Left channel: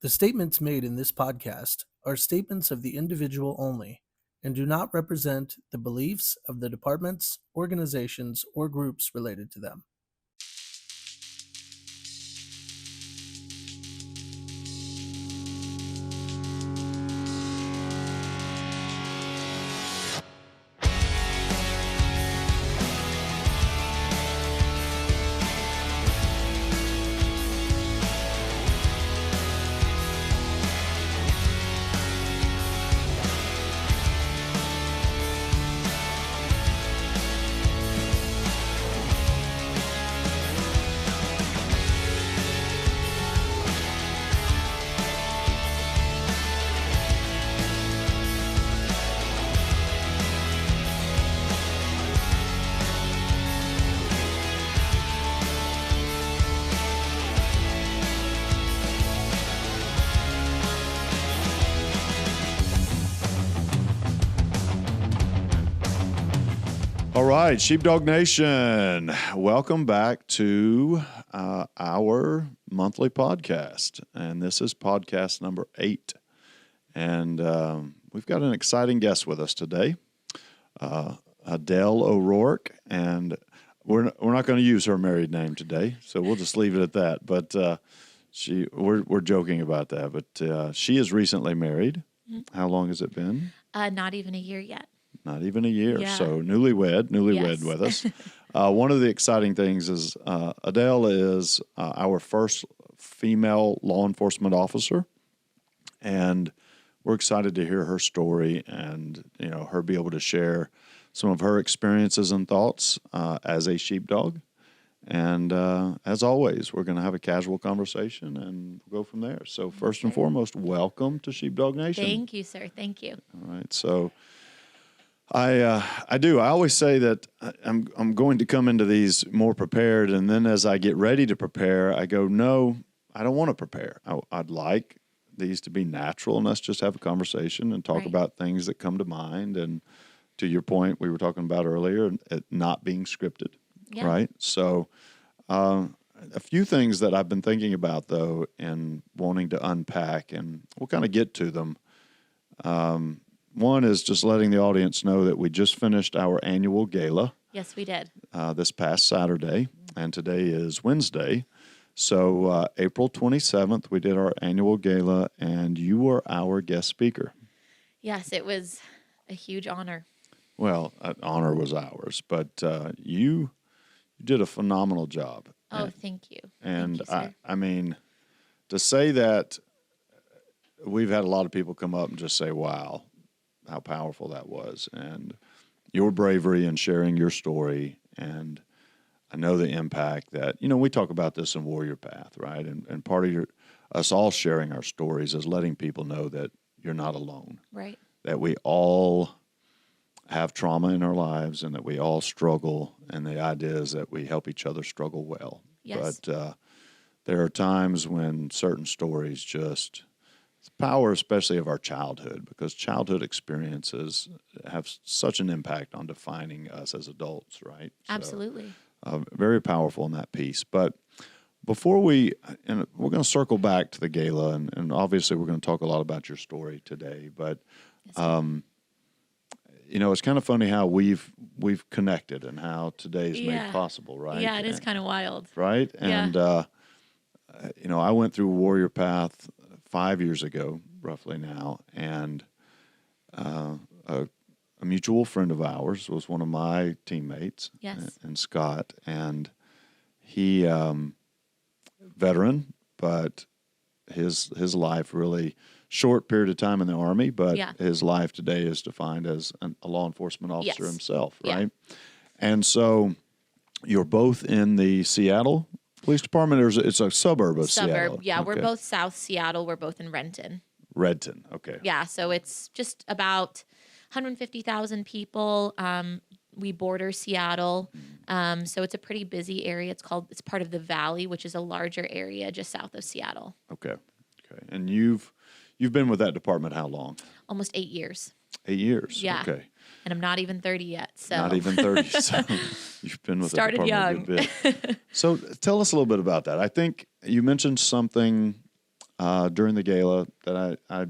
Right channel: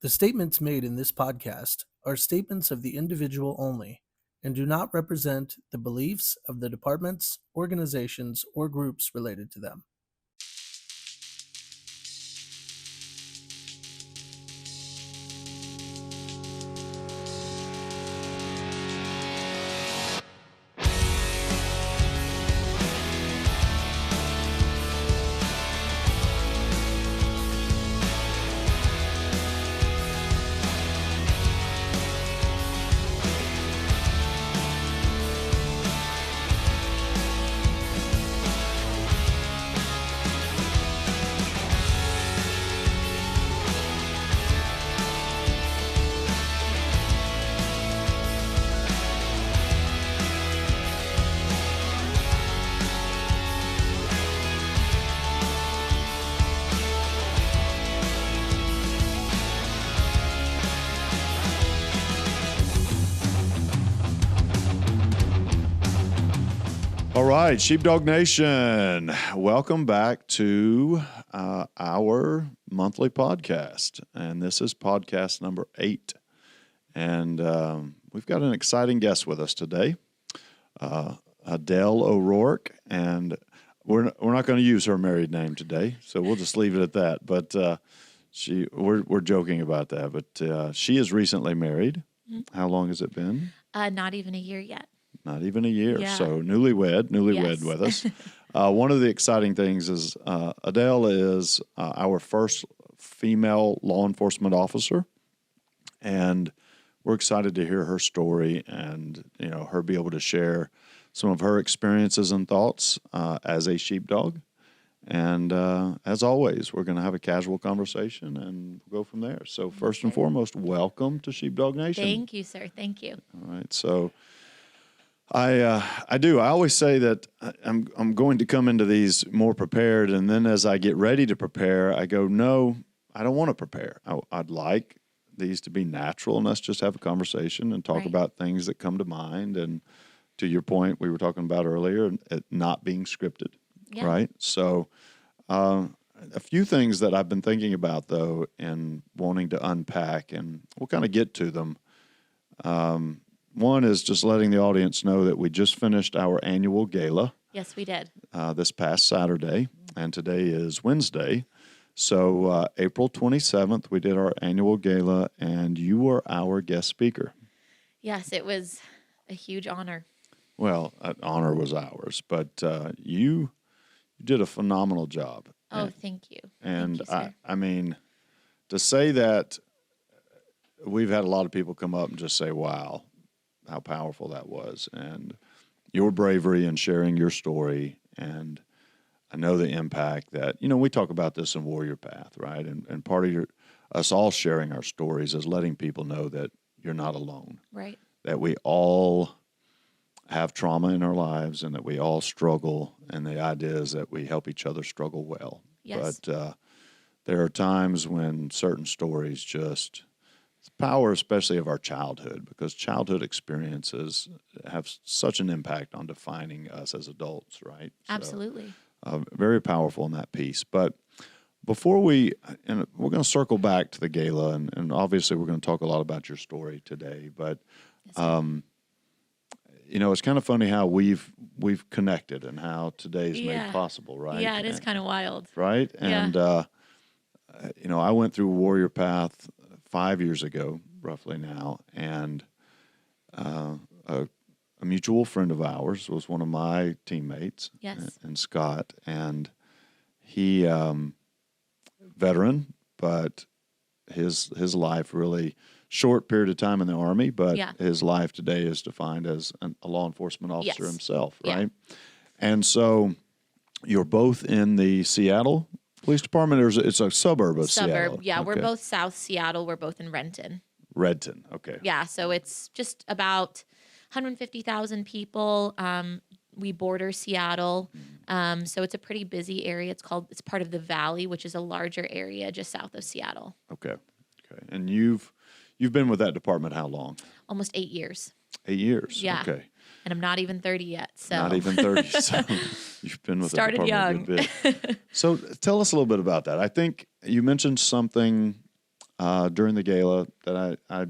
The statements made in this podcast are statements of the individual only and do not represent the beliefs of the departments, organizations, or groups related to them. All right, Sheepdog Nation, welcome back to our monthly podcast. And this is podcast number 8. And we've got an exciting guest with us today, Adele O'Rourke. And we're not going to use her married name today, so we'll just leave it at that. But we're joking about that. But she is recently married. Mm-hmm. How long has it been? Not even a year yet. Not even a year. Yeah. So newlywed Yes. with us. One of the exciting things is Adele is our first female law enforcement officer. And we're excited to hear her story and, her be able to share some of her experiences and thoughts as a sheepdog. And as always, we're going to have a casual conversation and we'll go from there. So first and foremost, welcome to Sheepdog Nation. Thank you, sir. Thank you. All right. So I always say that I'm going to come into these more prepared, and then as I get ready to prepare, I go, no, I don't want to prepare. I'd like these to be natural, and us just have a conversation and talk about things that come to mind. And to your point, we were talking about earlier, it not being scripted, right? So a few things that I've been thinking about, though, and wanting to unpack, and we'll kind of get to them. One is just letting the audience know that we just finished our annual gala. Yes, we did. This past Saturday, and today is Wednesday. So April 27th, we did our annual gala, and you were our guest speaker. Yes, it was a huge honor. Well, honor was ours, but you did a phenomenal job. Oh, thank you. And thank you, sir. I mean, to say that, we've had a lot of people come up and just say, wow, how powerful that was, and your bravery in sharing your story. And I know the impact that, we talk about this in Warrior Path, right? And part of us all sharing our stories is letting people know that you're not alone. Right. That we all have trauma in our lives and that we all struggle. And the idea is that we help each other struggle well. Yes. But there are times when certain stories just, the power especially of our childhood, because childhood experiences have such an impact on defining us as adults, right? Absolutely. So, very powerful in that piece. But before we're going to circle back to the gala, and obviously we're going to talk a lot about your story today, but it's kind of funny how we've connected and how today's made possible, right? Yeah, it is kind of wild. Right? And, I went through Warrior Path 5 years ago, roughly now, and a mutual friend of ours was one of my teammates, and Scott, and he, veteran, but his life really short period of time in the Army, but his life today is defined as a law enforcement officer himself, right? And so you're both in the Seattle Police Department, or it's a suburb of Seattle? Yeah. Okay. We're both South Seattle. We're both in Renton. Renton, okay. Yeah, so it's just about 150,000 people. We border Seattle, so it's a pretty busy area. It's part of the Valley, which is a larger area just south of Seattle. Okay. And you've been with that department how long? Almost 8 years. 8 years. Yeah. Okay. And I'm not even 30 yet. So not even 30. So you've been with started the department young. a good bit. So tell us a little bit about that. I think you mentioned something during the gala that I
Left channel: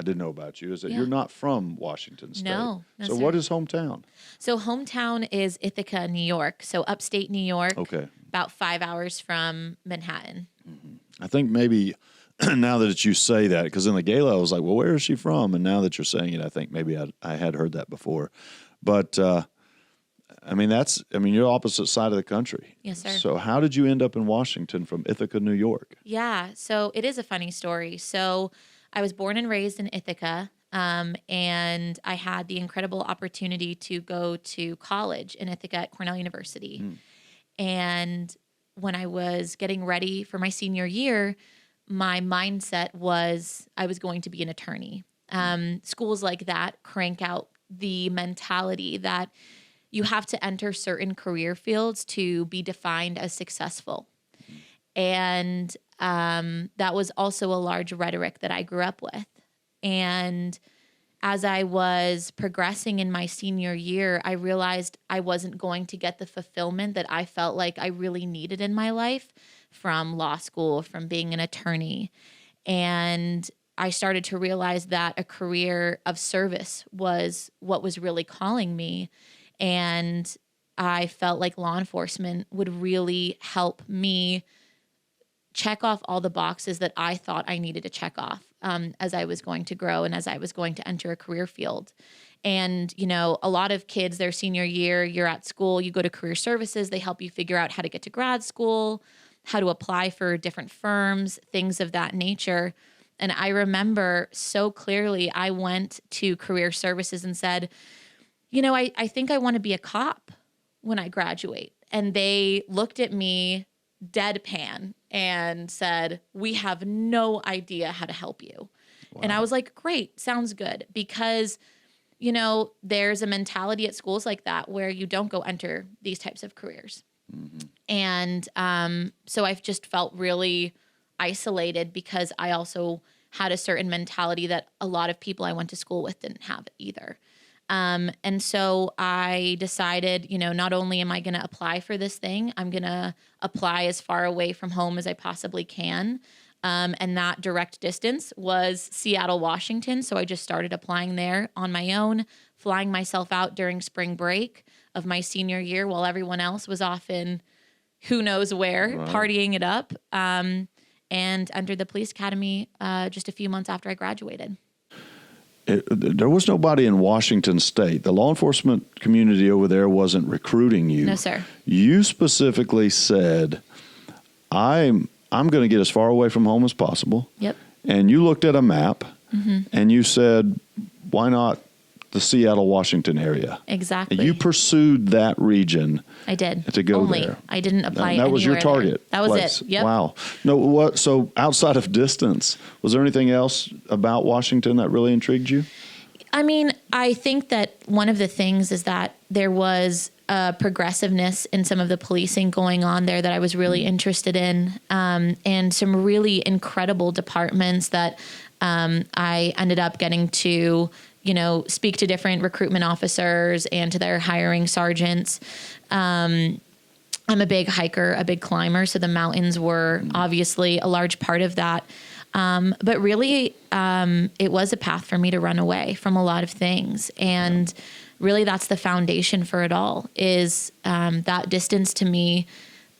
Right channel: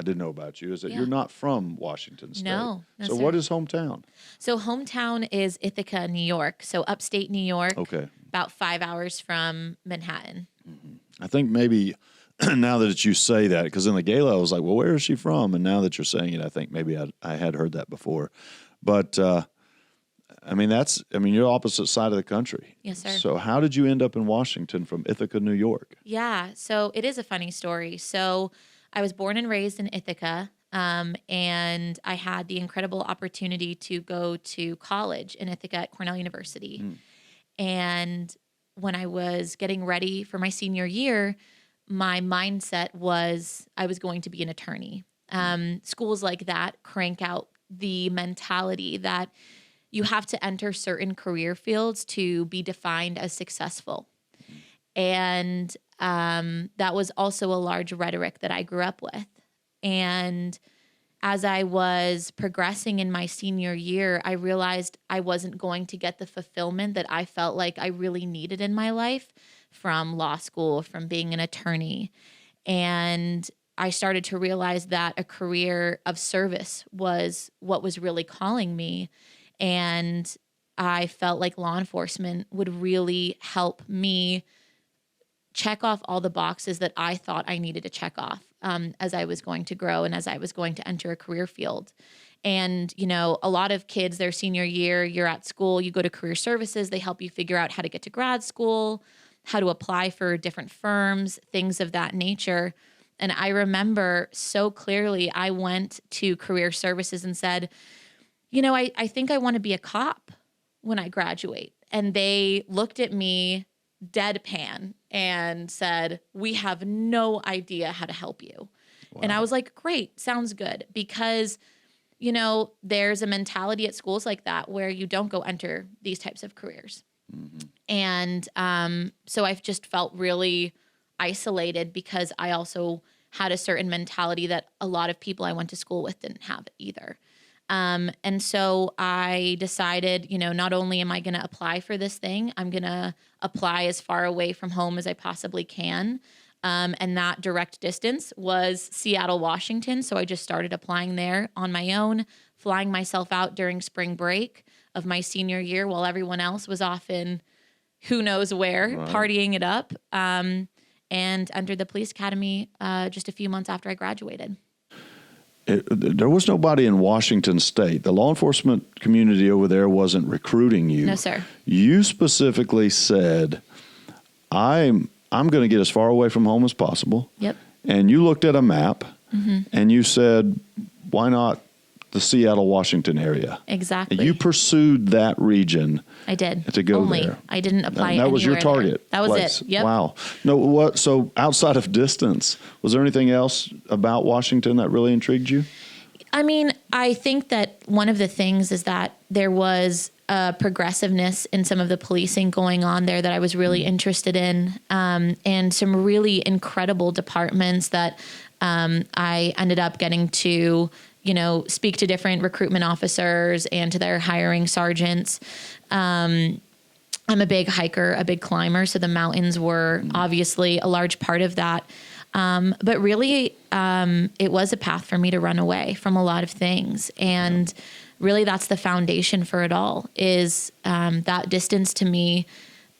didn't know about you is that Yeah. you're not from Washington State. No, So sir. what is hometown? So hometown is Ithaca, New York. So upstate New York. Okay. About 5 hours from Manhattan. I think maybe now that you say that, because in the gala I was like, well, where is she from? And now that you're saying it, I think maybe I had heard that before. But you're opposite side of the country. Yes, sir. So how did you end up in Washington from Ithaca, New York? Yeah, so it is a funny story. So I was born and raised in Ithaca, and I had the incredible opportunity to go to college in Ithaca at Cornell University. And when I was getting ready for my senior year, my mindset was I was going to be an attorney. Schools like that crank out the mentality that you have to enter certain career fields to be defined as successful. And that was also a large rhetoric that I grew up with. And as I was progressing in my senior year, I realized I wasn't going to get the fulfillment that I felt like I really needed in my life from law school, from being an attorney. And I started to realize that a career of service was what was really calling me. And I felt like law enforcement would really help me check off all the boxes that I thought I needed to check off as I was going to grow and as I was going to enter a career field. And, a lot of kids, their senior year, you're at school, you go to career services, they help you figure out how to get to grad school, how to apply for different firms, things of that nature. And I remember so clearly, I went to career services and said, I think I want to be a cop when I graduate. And they looked at me deadpan and said, we have no idea how to help you. Wow. And I was like, great, sounds good. Because, there's a mentality at schools like that where you don't go enter these types of careers. And so I've just felt really isolated because I also had a certain mentality that a lot of people I went to school with didn't have either. And so I decided, not only am I going to apply for this thing, I'm going to apply as far away from home as I possibly can. And that direct distance was Seattle, Washington. So I just started applying there on my own, flying myself out during spring break of my senior year while everyone else was off in who knows where, right, partying it up, and entered the police academy just a few months after I graduated. There was nobody in Washington State. The law enforcement community over there wasn't recruiting you. No, sir. You specifically said, I'm going to get as far away from home as possible. Yep. And you looked at a map and you said, why not the Seattle, Washington area? Exactly. And you pursued that region. I did. To go Only. there. I didn't apply that was your target. There. That was place. it. Yep. Wow. No, so outside of distance, was there anything else about Washington that really intrigued you? I mean, I think that one of the things is that there was a progressiveness in some of the policing going on there that I was really interested in, and some really incredible departments that I ended up getting to, speak to different recruitment officers and to their hiring sergeants. I'm a big hiker, a big climber, so the mountains were obviously a large part of that. But really, it was a path for me to run away from a lot of things. And really, that's the foundation for it all, is that distance to me,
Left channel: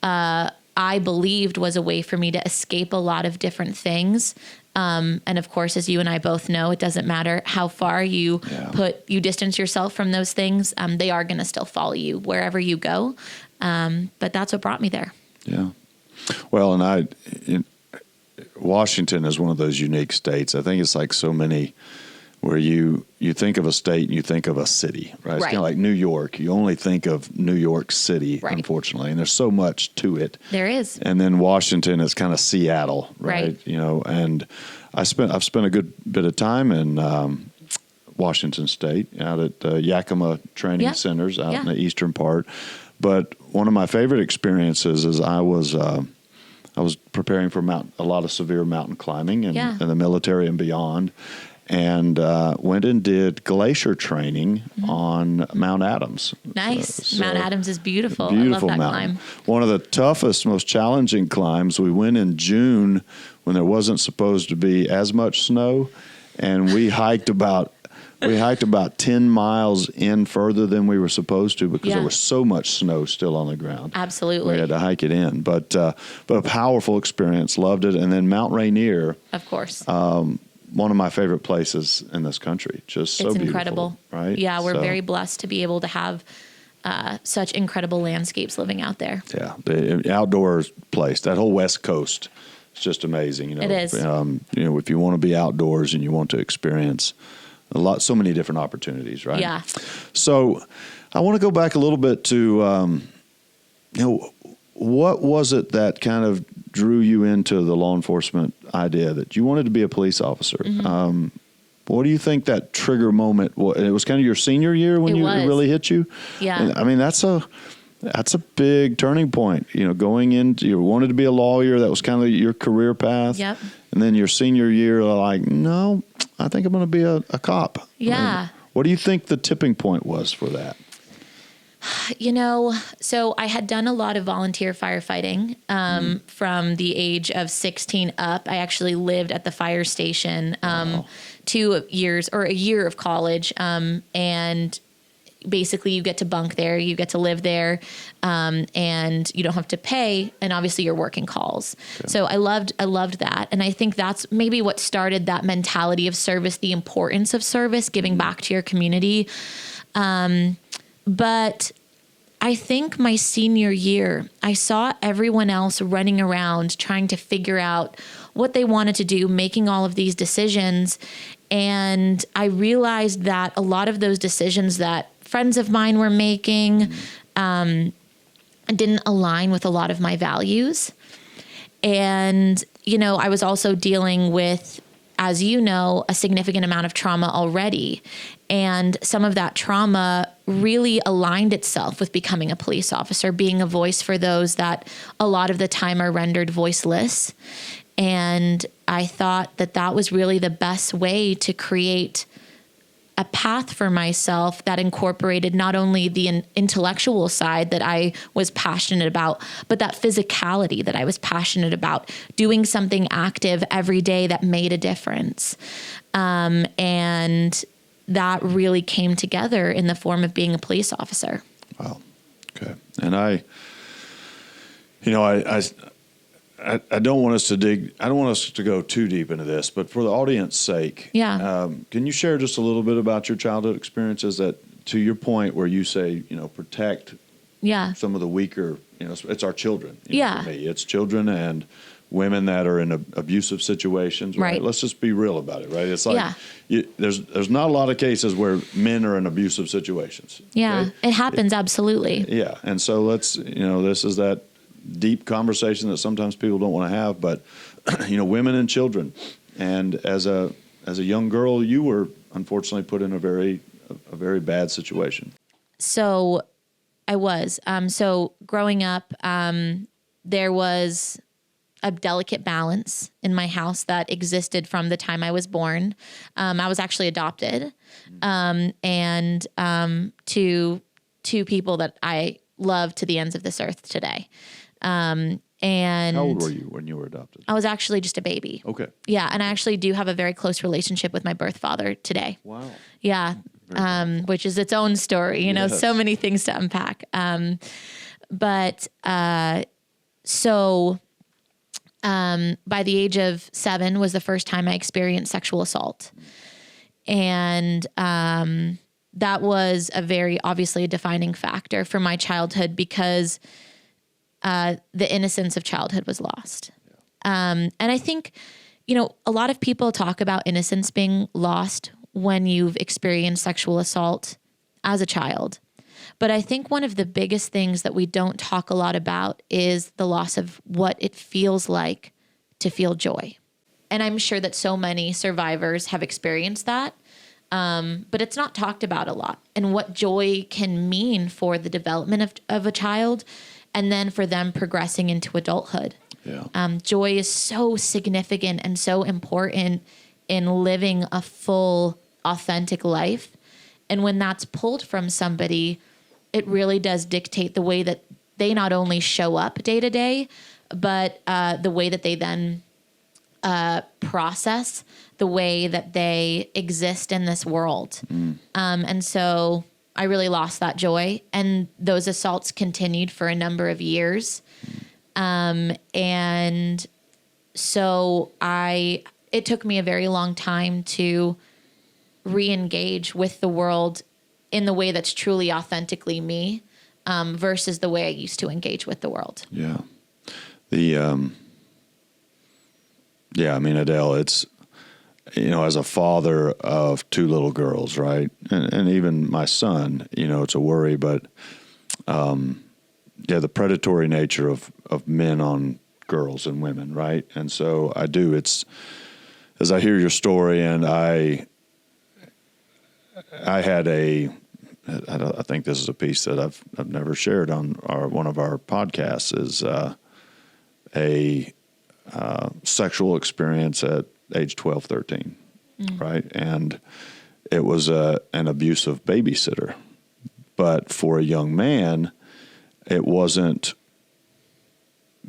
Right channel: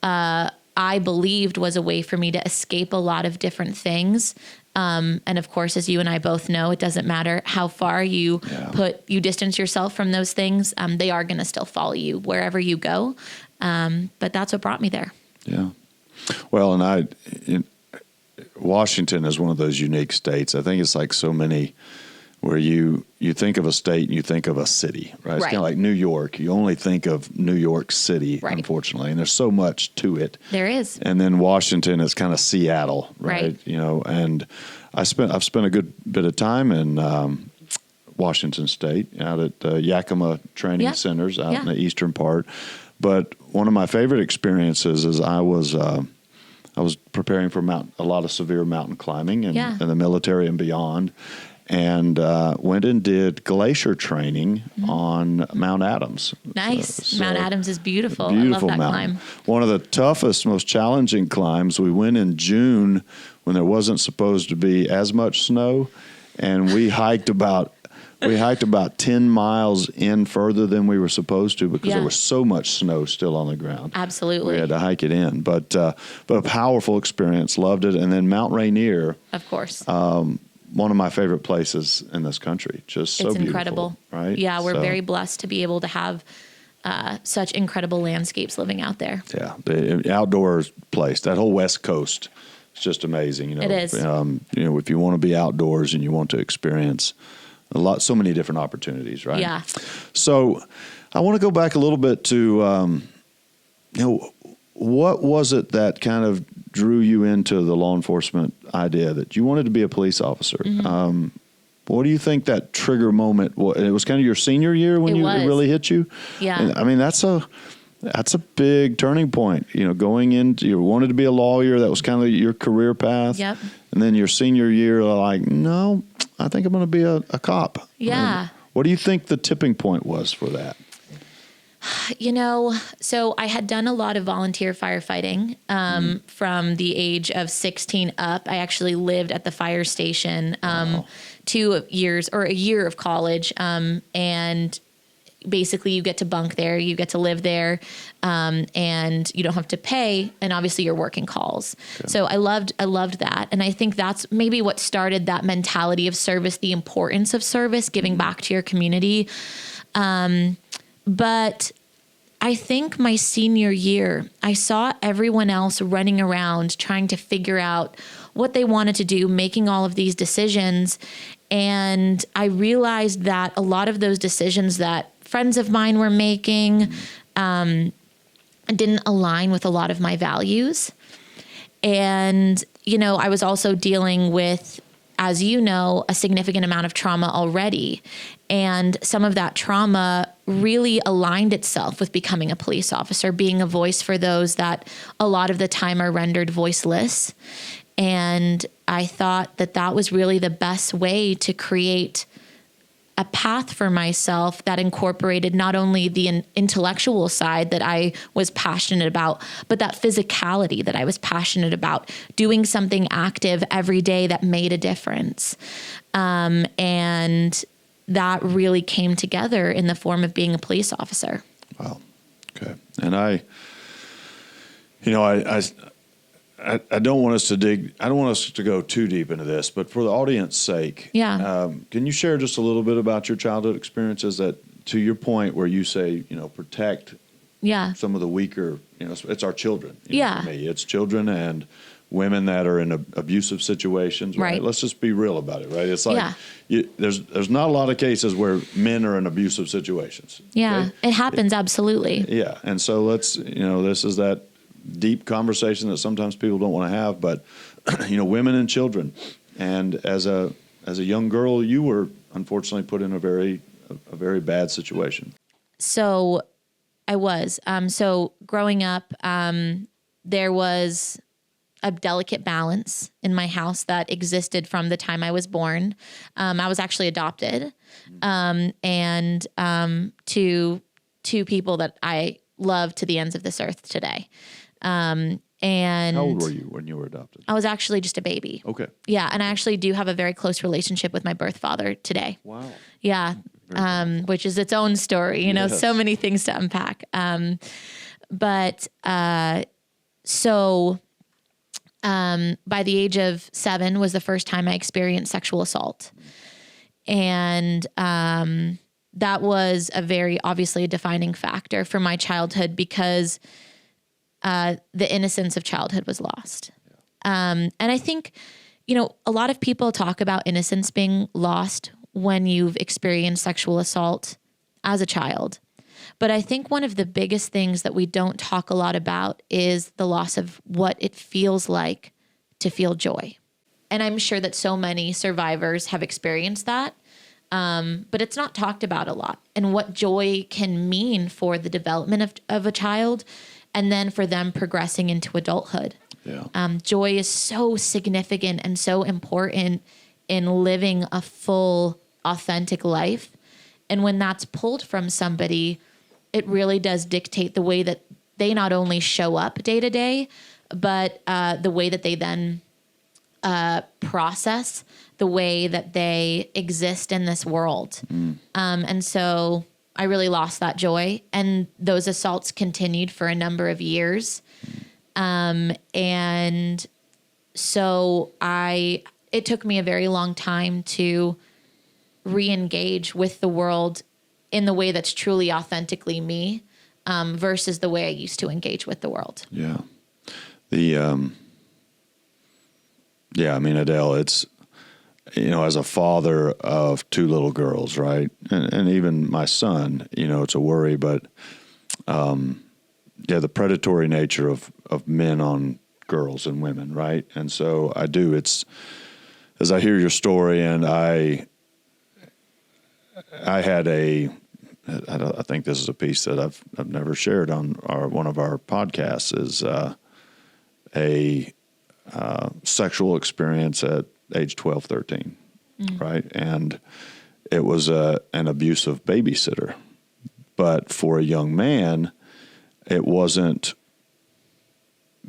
I believed was a way for me to escape a lot of different things. And of course, as you and I both know, it doesn't matter how far you distance yourself from those things. They are going to still follow you wherever you go. But that's what brought me there. Yeah. Well, Washington is one of those unique states. I think it's like so many where you think of a state and you think of a city, right? It's kind of like New York. You only think of New York City, unfortunately, and there's so much to it. There is. And then Washington is kind of Seattle, right? And I've spent a good bit of time in Washington State, out at Yakima Training Centers out in the eastern part. But one of my favorite experiences is I was preparing for a lot of severe mountain climbing in the military and beyond. and went and did glacier training on Mount Adams. Nice. Mount Adams is beautiful. Beautiful I love that mountain. climb. One of the toughest, most challenging climbs. We went in June when there wasn't supposed to be as much snow, and we hiked about 10 miles in further than we were supposed to because there was so much snow still on the ground. Absolutely. We had to hike it in, but a powerful experience. Loved it. And then Mount Rainier, Of course. one of my favorite places in this country. Just so It's beautiful, incredible. right? Yeah, we're So, very blessed to be able to have such incredible landscapes living out there. Yeah, the outdoor place, that whole West Coast, it's just amazing. It is. If you want to be outdoors and you want to experience so many different opportunities, right? Yeah. So I want to go back a little bit to, what was it that kind of drew you into the law enforcement idea that you wanted to be a police officer? Mm-hmm. What do you think that trigger moment was? It was kind of your senior year when it really hit you? Yeah. And, I mean, that's a big turning point. Going into, you wanted to be a lawyer. That was kind of your career path. Yep. And then your senior year, like, no, I think I'm going to be a cop. Yeah. What do you think the tipping point was for that? So I had done a lot of volunteer firefighting from the age of 16 up. I actually lived at the fire station 2 years or a year of college. And basically you get to bunk there, you get to live there, and you don't have to pay. And obviously you're working calls. Okay. So I loved that. And I think that's maybe what started that mentality of service, the importance of service, giving back to your community. But I think my senior year, I saw everyone else running around trying to figure out what they wanted to do, making all of these decisions. And I realized that a lot of those decisions that friends of mine were making didn't align with a lot of my values. And, I was also dealing with, as you know, a significant amount of trauma already. And some of that trauma really aligned itself with becoming a police officer, being a voice for those that a lot of the time are rendered voiceless. And I thought that was really the best way to create a path for myself that incorporated not only the intellectual side that I was passionate about, but that physicality that I was passionate about, doing something active every day that made a difference. And that really came together in the form of being a police officer. Wow. Okay. And I don't want us to go too deep into this, but for the audience's sake, can you share just a little bit about your childhood experiences that, to your point where you say, protect some of the weaker, it's our children. For me, it's children and women that are in abusive situations. Right. Let's just be real about it. Right. It's like, there's not a lot of cases where men are in abusive situations. Yeah. Okay? It happens. Absolutely. Yeah. And so let's, this is that deep conversation that sometimes people don't want to have, but women and children. And as a young girl, you were unfortunately put in a very bad situation. So I was. So growing up, there was a delicate balance in my house that existed from the time I was born. I was actually adopted, and to two people that I love to the ends of this earth today. And how old were you when you were adopted? I was actually just a baby. Okay. Yeah. And I actually do have a very close relationship with my birth father today. Wow. Yeah. Which is its own story, so many things to unpack. So by the age of 7 was the first time I experienced sexual assault. And, that was obviously a defining factor for my childhood because the innocence of childhood was lost. And I think, a lot of people talk about innocence being lost when you've experienced sexual assault as a child. But I think one of the biggest things that we don't talk a lot about is the loss of what it feels like to feel joy. And I'm sure that so many survivors have experienced that. But it's not talked about a lot, and what joy can mean for the development of a child and then for them progressing into adulthood. Yeah. Joy is so significant and so important in living a full, authentic life. And when that's pulled from somebody, it really does dictate the way that they not only show up day to day, but the way that they then process, the way that they exist in this world. And so I really lost that joy. And those assaults continued for a number of years. And so it took me a very long time to re-engage with the world in the way that's truly authentically me, versus the way I used to engage with the world. Yeah. I mean, Adele, it's, as a father of two little girls, right? And even my son, it's a worry, but, the predatory nature of men on girls and women, right? And so as I hear your story, and I had I think this is a piece that I've never shared on one of our podcasts, is a sexual experience at age 12, 13, right? And it was an abusive babysitter. But for a young man, it wasn't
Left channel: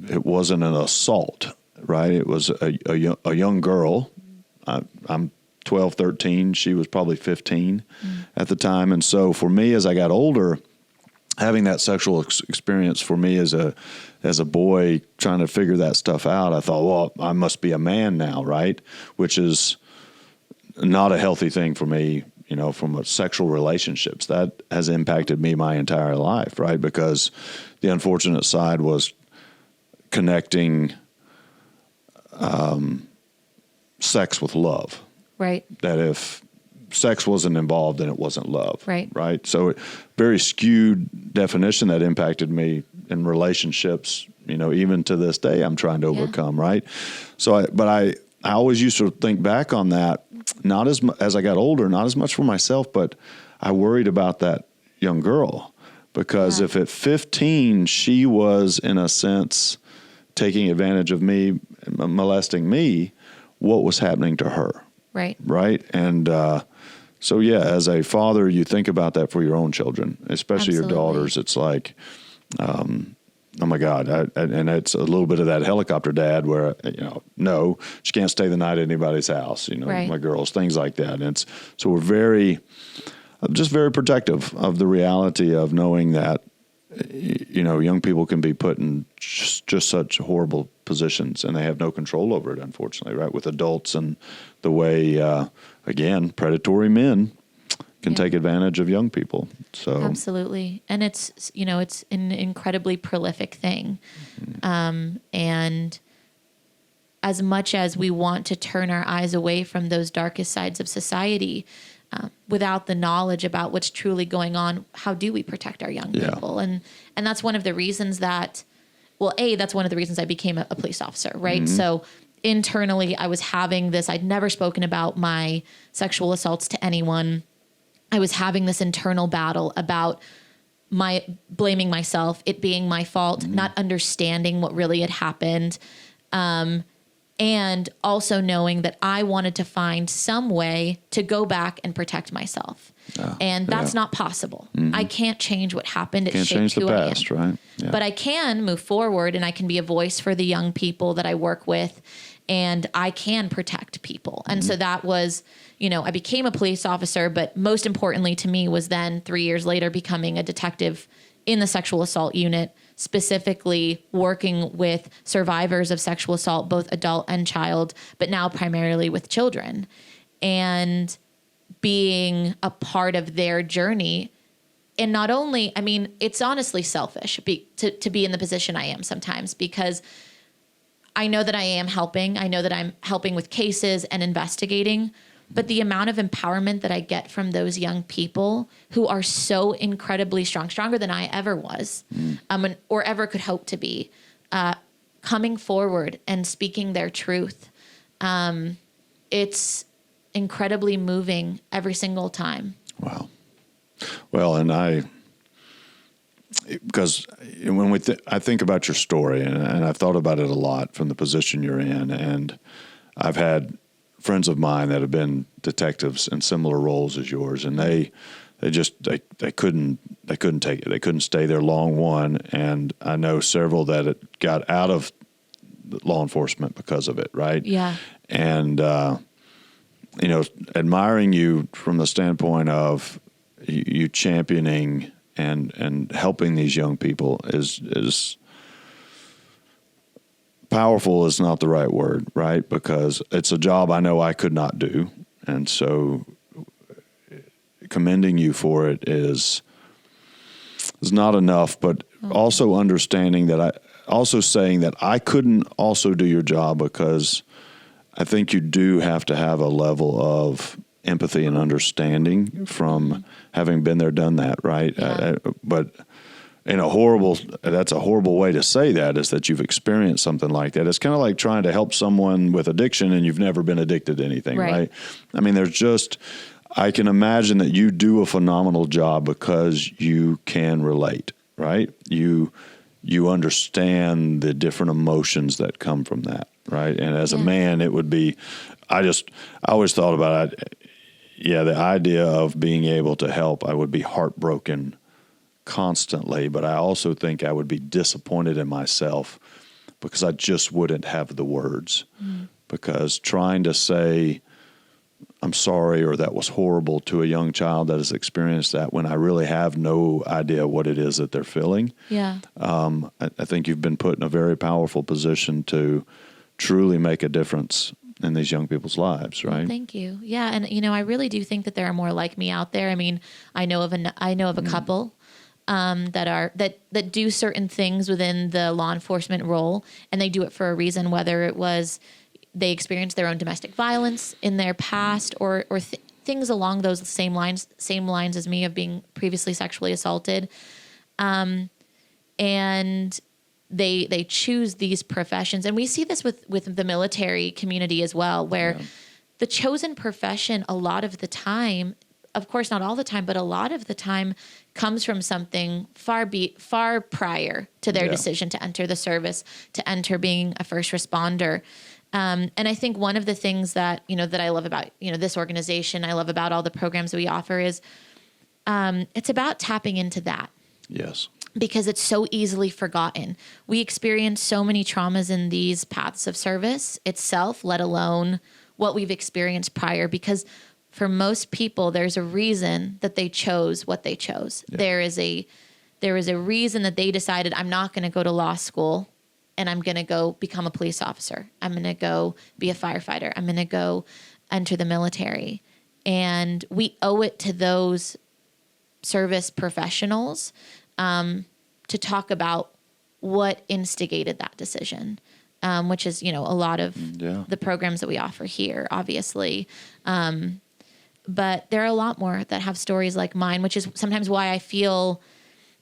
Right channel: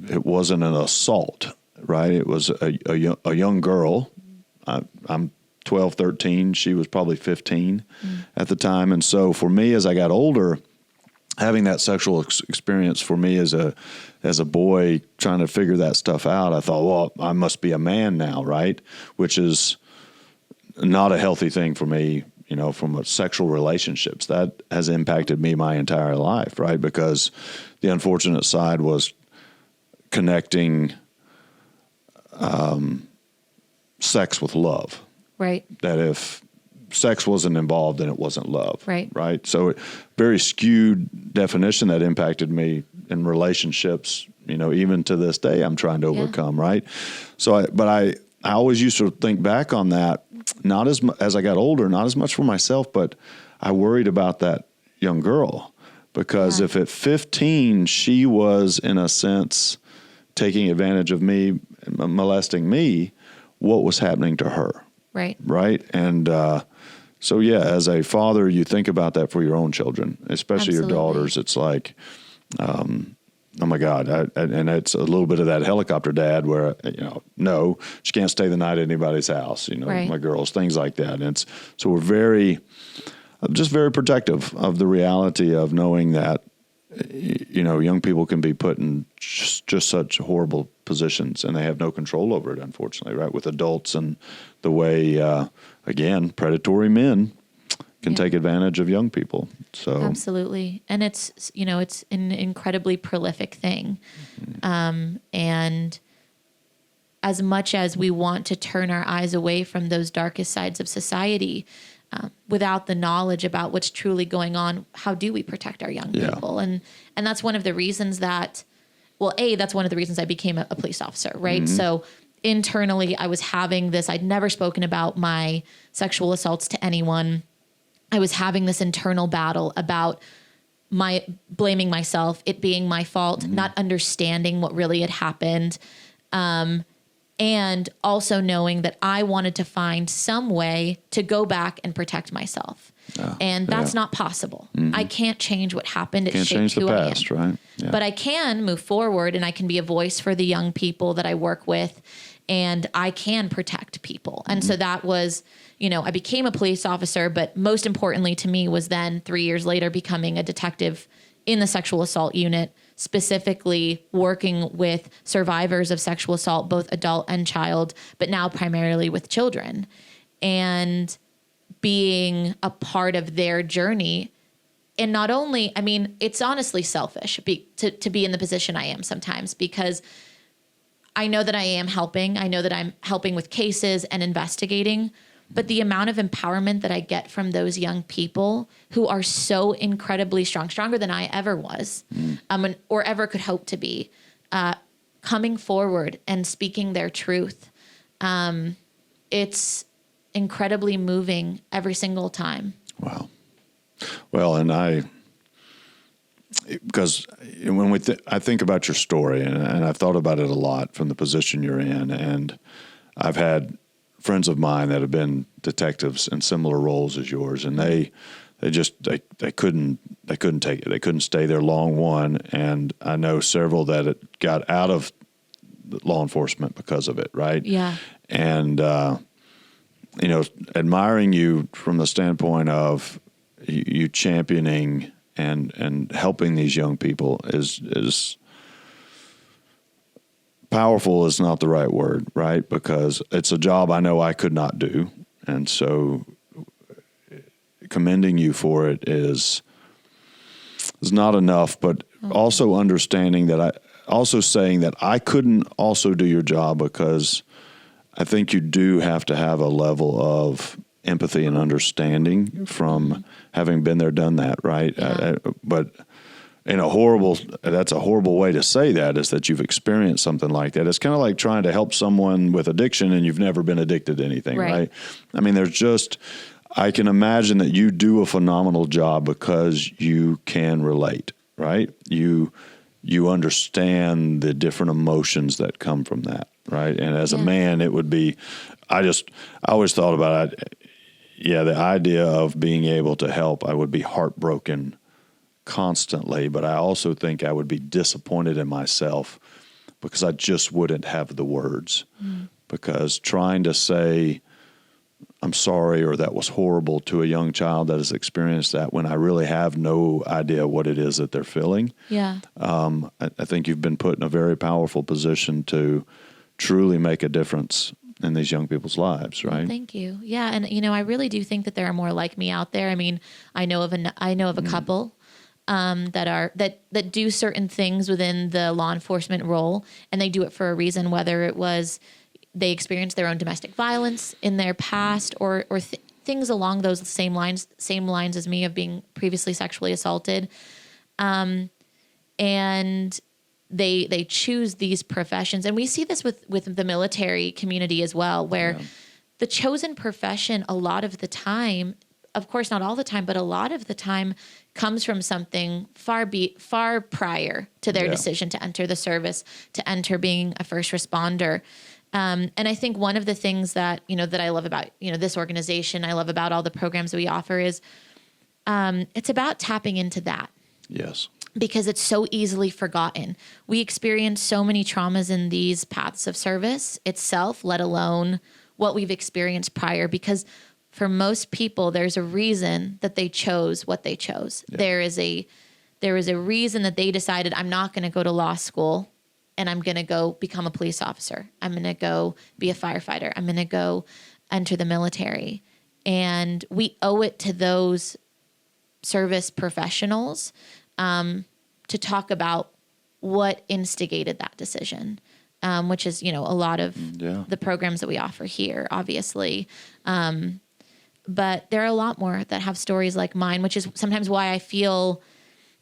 an assault, right? It was a young girl. I'm 12, 13. She was probably 15 at the time. And so for me, as I got older, having that sexual experience for me as a boy trying to figure that stuff out, I thought, well, I must be a man now, right? Which is not a healthy thing for me, from sexual relationships. That has impacted me my entire life, right? Because the unfortunate side was connecting sex with love. Right. That if sex wasn't involved, then it wasn't love. Right. Right. So very skewed definition that impacted me in relationships, even to this day, I'm trying to overcome. Right. So, I always used to think back on that, not as I got older, not as much for myself, but I worried about that young girl, because if at 15, she was in a sense taking advantage of me, molesting me, what was happening to her? Right. Right. And so, as a father, you think about that for your own children, especially Absolutely. your daughters. It's like, oh my God. And it's a little bit of that helicopter dad where, no, she can't stay the night at anybody's house, Right. my girls, things like that. And so we're just very protective of the reality of knowing that, young people can be put in just such horrible positions, and they have no control over it, unfortunately, right? With adults and the way, again, predatory men can take advantage of young people. So Absolutely. And it's an incredibly prolific thing. And as much as we want to turn our eyes away from those darkest sides of society, without the knowledge about what's truly going on, how do we protect our young people? And that's one of the reasons that's one of the reasons I became a police officer, right? So internally, I was having this, I'd never spoken about my sexual assaults to anyone. I was having this internal battle about blaming myself, it being my fault, not understanding what really had happened. And also knowing that I wanted to find some way to go back and protect myself. And that's not possible. I can't change what happened. It can't change the past, right? Yeah. But I can move forward, and I can be a voice for the young people that I work with, and I can protect people. And so that was, I became a police officer, but most importantly to me was then 3 years later becoming a detective in the sexual assault unit, specifically working with survivors of sexual assault, both adult and child, but now primarily with children, and being a part of their journey. And not only, it's honestly selfish to be in the position I am sometimes, because I know that I am helping. I know that I'm helping with cases and investigating, but the amount of empowerment that I get from those young people who are so incredibly strong, stronger than I ever was, or ever could hope to be, coming forward and speaking their truth. It's incredibly moving every single time. Wow. Well, and because when I think about your story, and I've thought about it a lot from the position you're in, and I've had friends of mine that have been detectives in similar roles as yours, and they couldn't take it. They couldn't stay there long, one, and I know several that it got out of law enforcement because of it, right? Yeah. And admiring you from the standpoint of you championing and helping these young people is powerful is not the right word, right? Because it's a job I know I could not do. And so commending you for it is not enough, but also understanding that also saying that I couldn't also do your job, because I think you do have to have a level of empathy and understanding from having been there, done that, right? Yeah. But that's a horrible way to say that, is that you've experienced something like that. It's kind of like trying to help someone with addiction and you've never been addicted to anything, right? I mean, I can imagine that you do a phenomenal job because you can relate, right? You understand the different emotions that come from that, right? And as a man, it would be, I always thought about it. Yeah, the idea of being able to help, I would be heartbroken constantly, but I also think I would be disappointed in myself because I just wouldn't have the words. Because trying to say, I'm sorry, or that was horrible to a young child that has experienced that when I really have no idea what it is that they're feeling. Yeah. I think you've been put in a very powerful position to truly make a difference in these young people's lives, right? Well, thank you. Yeah, and I really do think that there are more like me out there. I mean, I know of a couple that do certain things within the law enforcement role, and they do it for a reason, whether it was they experienced their own domestic violence in their past, or things along those same lines as me, of being previously sexually assaulted, and they choose these professions. And we see this with the military community as well, where the chosen profession, a lot of the time, of course not all the time, but a lot of the time, comes from something far prior to their decision to enter the service, to enter being a first responder. And I think one of the things that that I love about this organization, I love about all the programs that we offer, is it's about tapping into that. Yes. Because it's so easily forgotten. We experience so many traumas in these paths of service itself, let alone what we've experienced prior. Because for most people, there's a reason that they chose what they chose. Yeah. There is a reason that they decided, I'm not going to go to law school and I'm going to go become a police officer. I'm going to go be a firefighter. I'm going to go enter the military. And we owe it to those service professionals to talk about what instigated that decision, which is, a lot of the programs that we offer here, obviously. But there are a lot more that have stories like mine, which is sometimes why I feel,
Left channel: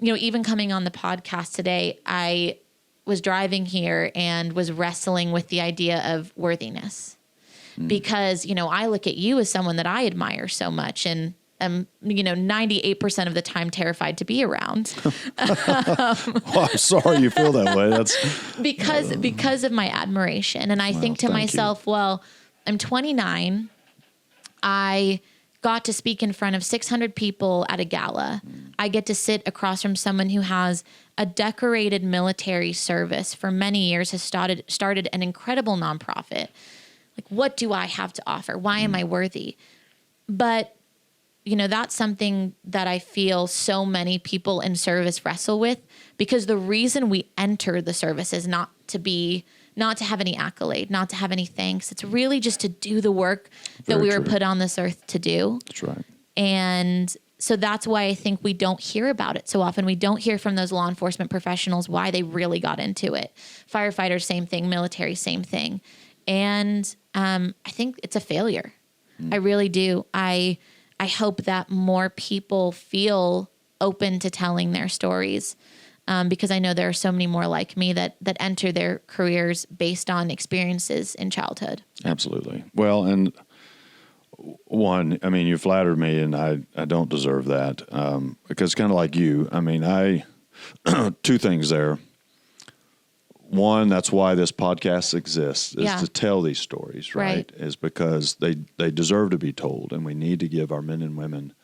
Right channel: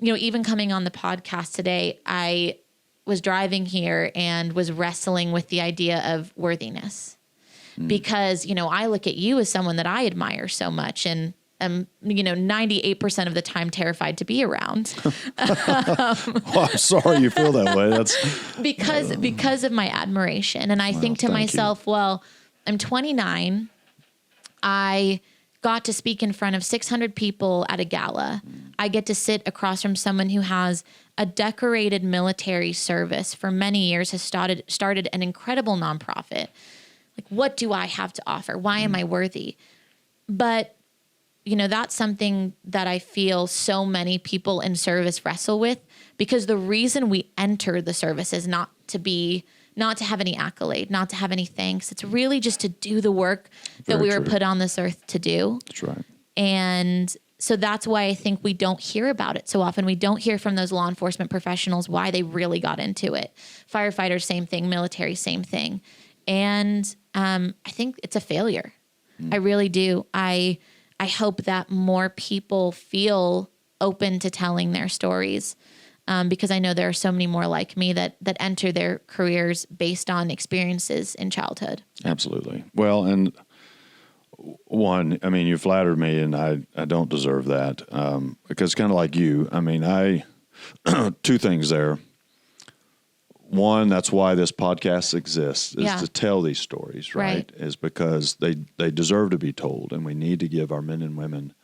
even coming on the podcast today, I was driving here and was wrestling with the idea of worthiness. Because, I look at you as someone that I admire so much, and I'm, 98% of the time terrified to be around. Well, I'm sorry you feel that way. That's because of my admiration. And I think to myself, well, I'm 29. I got to speak in front of 600 people at a gala. I get to sit across from someone who has a decorated military service for many years, has started an incredible nonprofit. Like, what do I have to offer? Why am I worthy? But that's something that I feel so many people in service wrestle with, because the reason we enter the service is not to have any accolade, not to have any thanks. It's really just to do the work that we were put on this earth to do. That's right. And so that's why I think we don't hear about it so often. We don't hear from those law enforcement professionals why they really got into it. Firefighters, same thing. Military, same thing. And I think it's a failure. I really do. I hope that more people feel open to telling their stories, because I know there are so many more like me that enter their careers based on experiences in childhood. Absolutely. Well, and one, I mean, you flattered me, and I don't deserve that, because kind of like you, I mean, two things there. one, that's why this podcast exists, is Yeah. to tell these stories, right? Is because they deserve to be told, and we need to give our men and women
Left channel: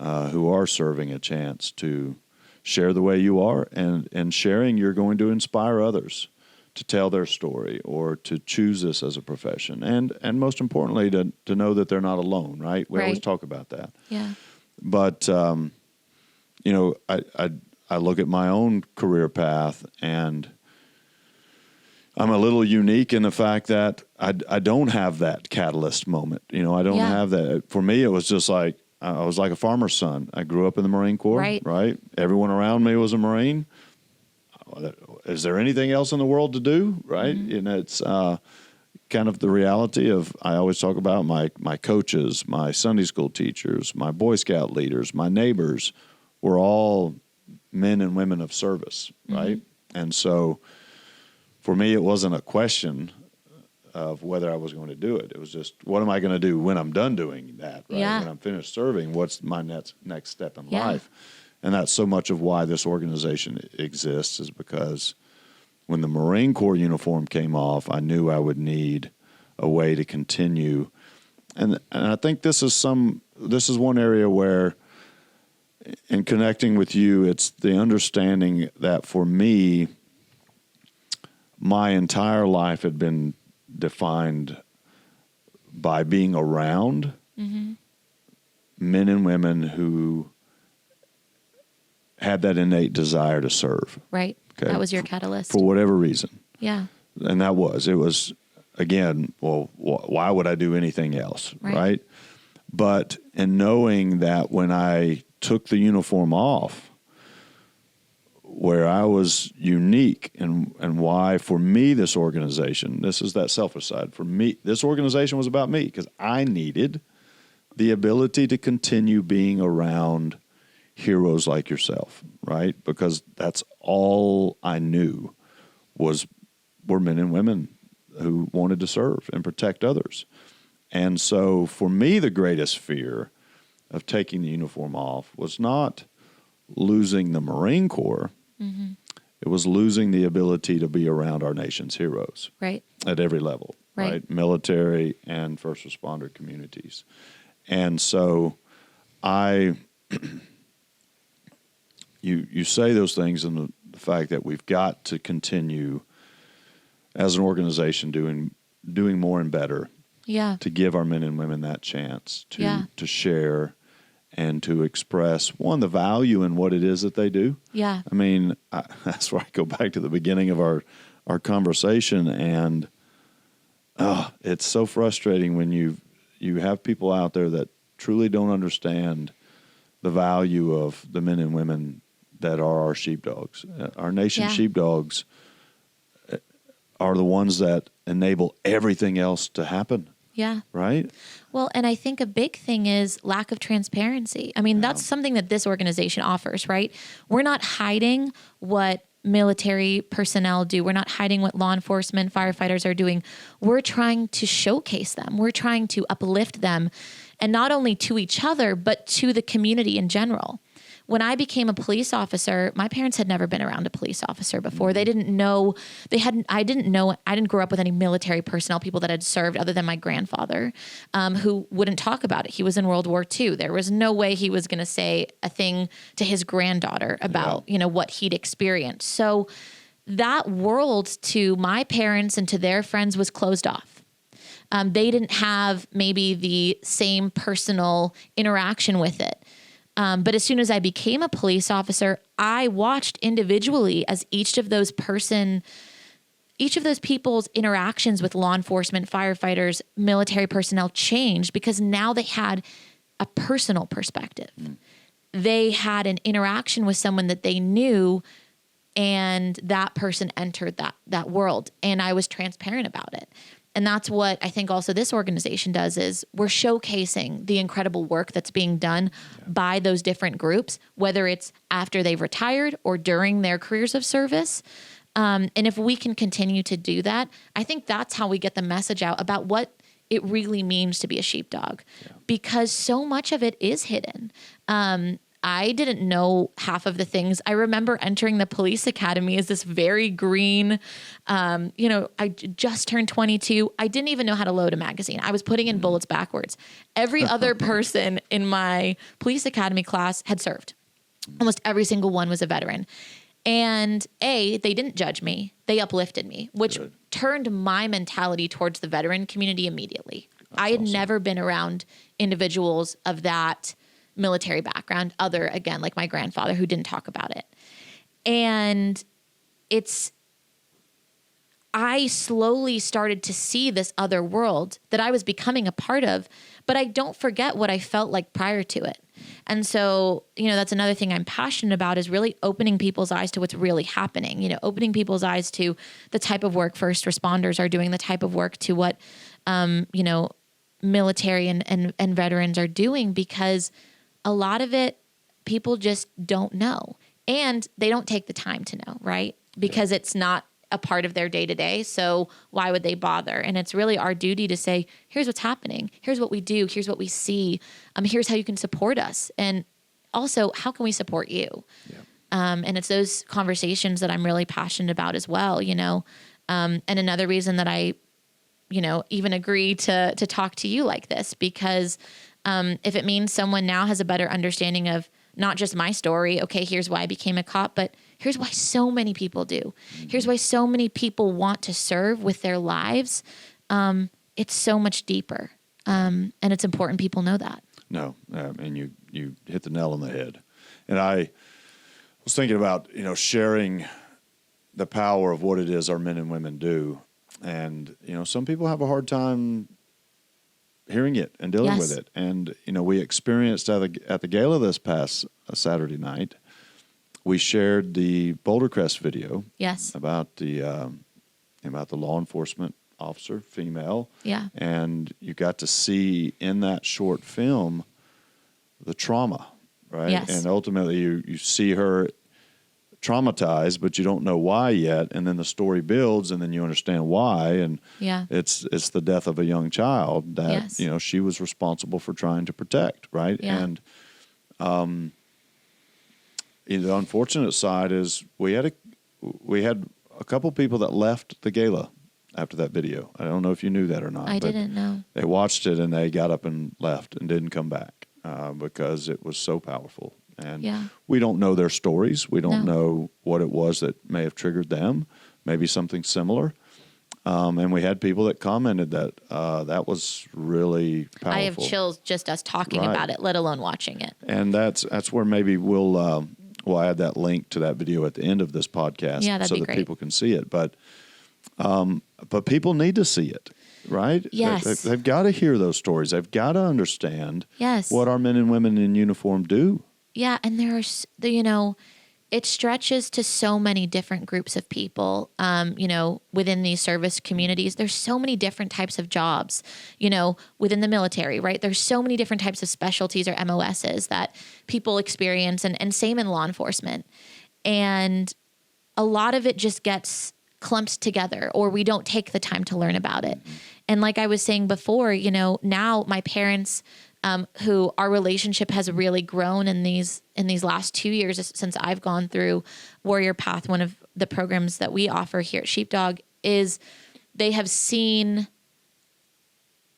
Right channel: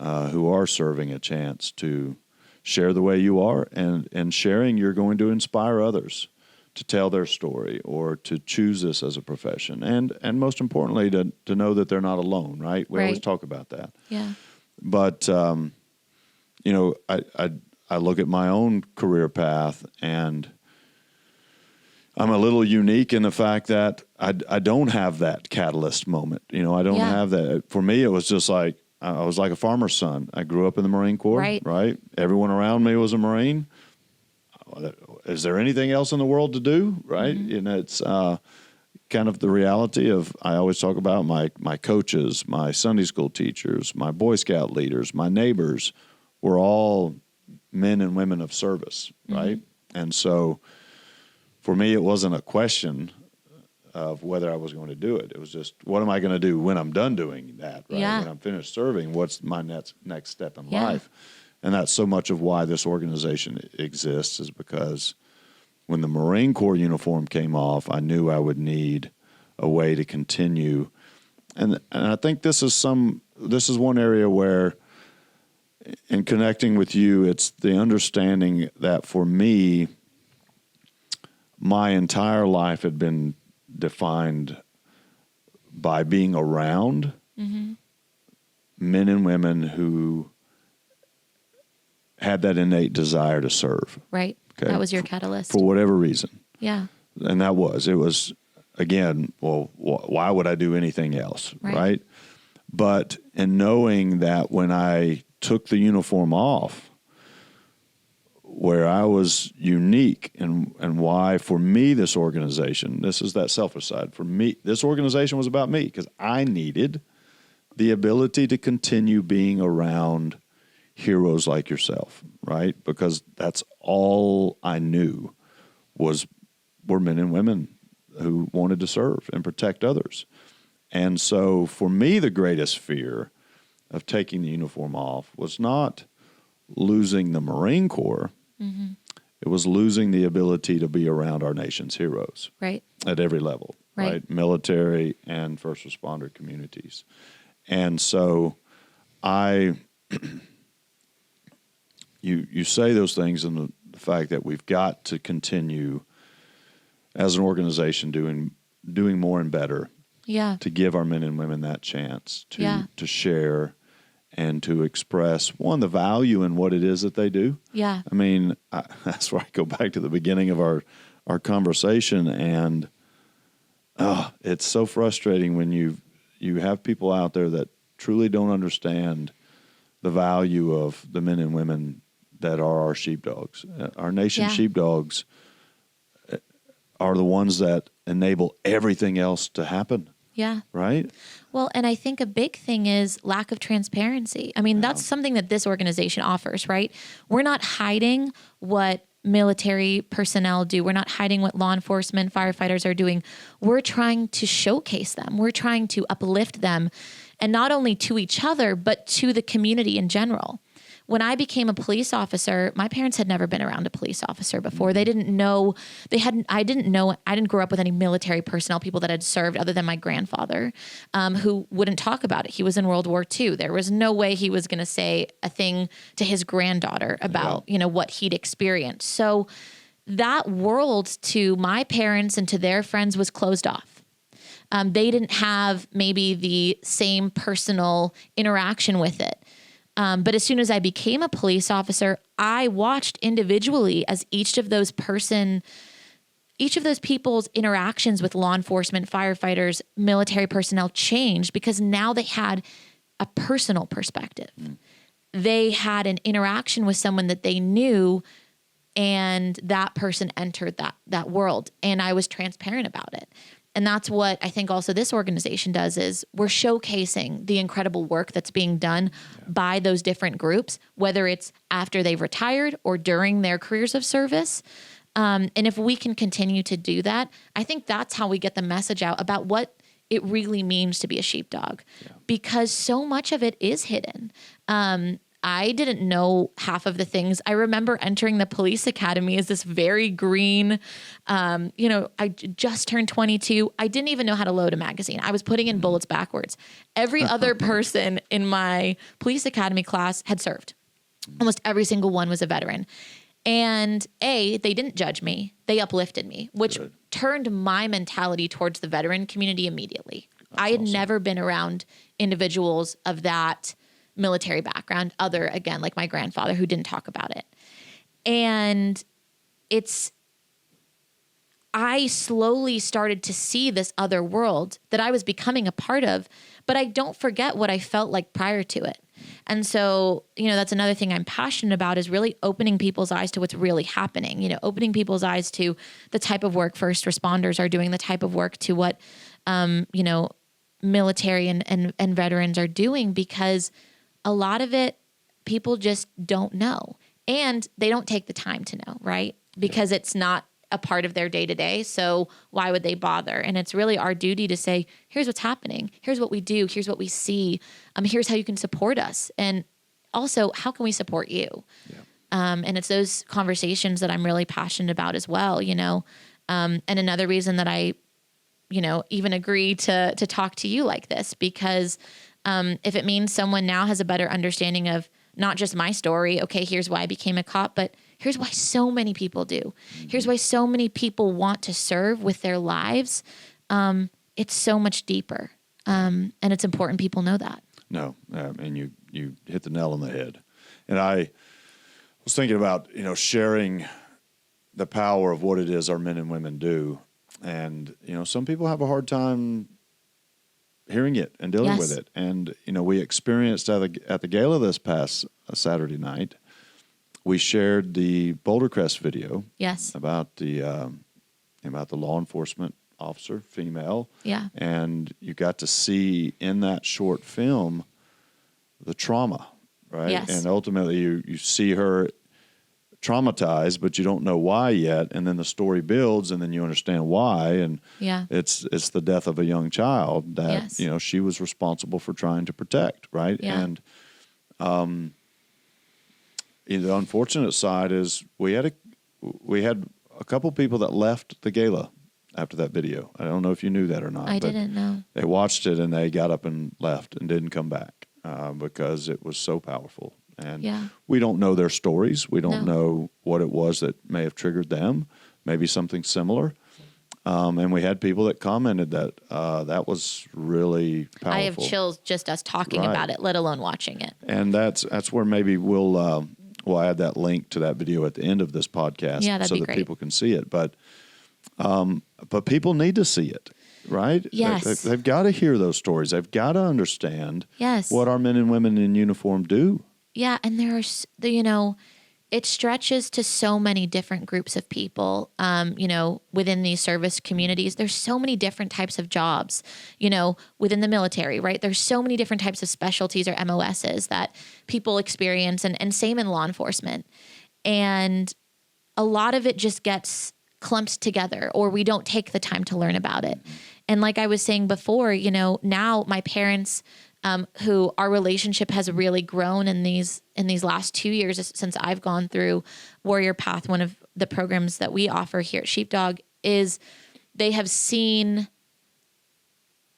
who are serving a chance to share the way you are, and sharing, you're going to inspire others to tell their story or to choose this as a profession, and most importantly, to know that they're not alone, right? We always Right. talk about that. Yeah. But you know, I look at my own career path, and I'm a little unique in the fact that I don't have that catalyst moment. You know, I don't Yeah. have that. For me, it was just like I was like a farmer's son. I grew up in the Marine Corps, Right. Everyone around me was a Marine. Is there anything else in the world to do, right? Mm-hmm. And it's kind of the reality of, I always talk about my coaches, my Sunday school teachers, my Boy Scout leaders, my neighbors were all men and women of service, right? And so for me, it wasn't a question of whether I was going to do it. It was just, what am I going to do when I'm done doing that, right? Yeah. When I'm finished serving, what's my next step in Yeah. life? And that's so much of why this organization exists, is because when the Marine Corps uniform came off, I knew I would need a way to continue. And I think this is one area where, in connecting with you, it's the understanding that for me, my entire life had been defined by being around men and women who had that innate desire to serve. Right. Okay. That was your catalyst. For whatever reason. Yeah. And it was, again, well, why would I do anything else, right? But in knowing that when I took the uniform off, where I was unique, and why, for me, this organization, this is that selfish side. For me, this organization was about me, because I needed the ability to continue being around heroes like yourself, right? Because that's all I knew were men and women who wanted to serve and protect others. And so for me, the greatest fear of taking the uniform off was not losing the Marine Corps. It was losing the ability to be around our nation's heroes. Right. At every level, right? Military and first responder communities. And so you say those things, and the fact that we've got to continue as an organization doing more and better. Yeah. To give our men and women that chance Yeah. to share and to express, one, the value in what it is that they do. Yeah. I mean, that's where I go back to the beginning of our conversation, and it's so frustrating when you have people out there that truly don't understand the value of the men and women that are our sheepdogs. Our nation's sheepdogs are the ones that enable everything else to happen. Yeah. Right? Well, and I think a big thing is lack of transparency. I mean, that's something that this organization offers, right? We're not hiding what military personnel do. We're not hiding what law enforcement, firefighters are doing. We're trying to showcase them. We're trying to uplift them, and not only to each other, but to the community in general. When I became a police officer, my parents had never been around a police officer before. They didn't know, I didn't grow up with any military personnel, people that had served other than my grandfather, who wouldn't talk about it. He was in World War II. There was no way he was going to say a thing to his granddaughter about, what he'd experienced. So that world to my parents and to their friends was closed off. They didn't have maybe the same personal interaction with it. But as soon as I became a police officer, I watched individually as each of those people's interactions with law enforcement, firefighters, military personnel changed, because now they had a personal perspective. They had an interaction with someone that they knew, and that person entered that world, and I was transparent about it. And that's what I think also this organization does, is we're showcasing the incredible work that's being done by those different groups, whether it's after they've retired or during their careers of service. And if we can continue to do that, I think that's how we get the message out about what it really means to be a sheepdog, because so much of it is hidden. I didn't know half of the things. I remember entering the police academy as this very green, I just turned 22. I didn't even know how to load a magazine. I was putting in bullets backwards. Every other person in my police academy class had served. Almost every single one was a veteran. And they didn't judge me. They uplifted me, which turned my mentality towards the veteran community immediately. I had never been around individuals of that military background, other, again, like my grandfather, who didn't talk about it. And I slowly started to see this other world that I was becoming a part of, but I don't forget what I felt like prior to it. And so, that's another thing I'm passionate about, is really opening people's eyes to what's really happening, opening people's eyes to the type of work first responders are doing, the type of work to what, military and veterans are doing, because a lot of it people just don't know, and they don't take the time to know, right? Because it's not a part of their day to day. So why would they bother? And it's really our duty to say, here's what's happening. Here's what we do. Here's what we see. Here's how you can support us. And also, how can we support you? Yeah. And it's those conversations that I'm really passionate about as well, and another reason that I, even agree to talk to you like this, because if it means someone now has a better understanding of not just my story, okay, here's why I became a cop, but here's why so many people do. Here's why so many people want to serve with their lives. It's so much deeper. And it's important people know that. No, and you hit the nail on the head. And I was thinking about, sharing the power of what it is our men and women do. And, some people have a hard time hearing it and dealing with it. And, we experienced at the gala this past Saturday night, we shared the Boulder Crest video. Yes. About the law enforcement officer, female. Yeah. And you got to see in that short film the trauma, right? Yes. And ultimately you see her traumatized, but you don't know why yet. And then the story builds, and then you understand why. And it's the death of a young child that, she was responsible for trying to protect, right? Yeah. And the unfortunate side is we had a couple people that left the gala after that video. I don't know if you knew that or not. I didn't know. They watched it and they got up and left and didn't come back because it was so powerful. And we don't know their stories. We don't know what it was that may have triggered them, maybe something similar. And we had people that commented that that was really powerful. I have chills just us talking about it, let alone watching it. And that's where maybe we'll add that link to that video at the end of this podcast so that people can see it. But people need to see it, right? Yes. They've got to hear those stories. They've got to understand what our men and women in uniform do. Yeah, and it stretches to so many different groups of people, within these service communities. There's so many different types of jobs, within the military, right? There's so many different types of specialties or MOSs that people experience, and same in law enforcement. And a lot of it just gets clumped together, or we don't take the time to learn about it. And like I was saying before, now my parents, who our relationship has really grown in these last 2 years since I've gone through Warrior Path. One of the programs that we offer here at Sheepdog is they have seen,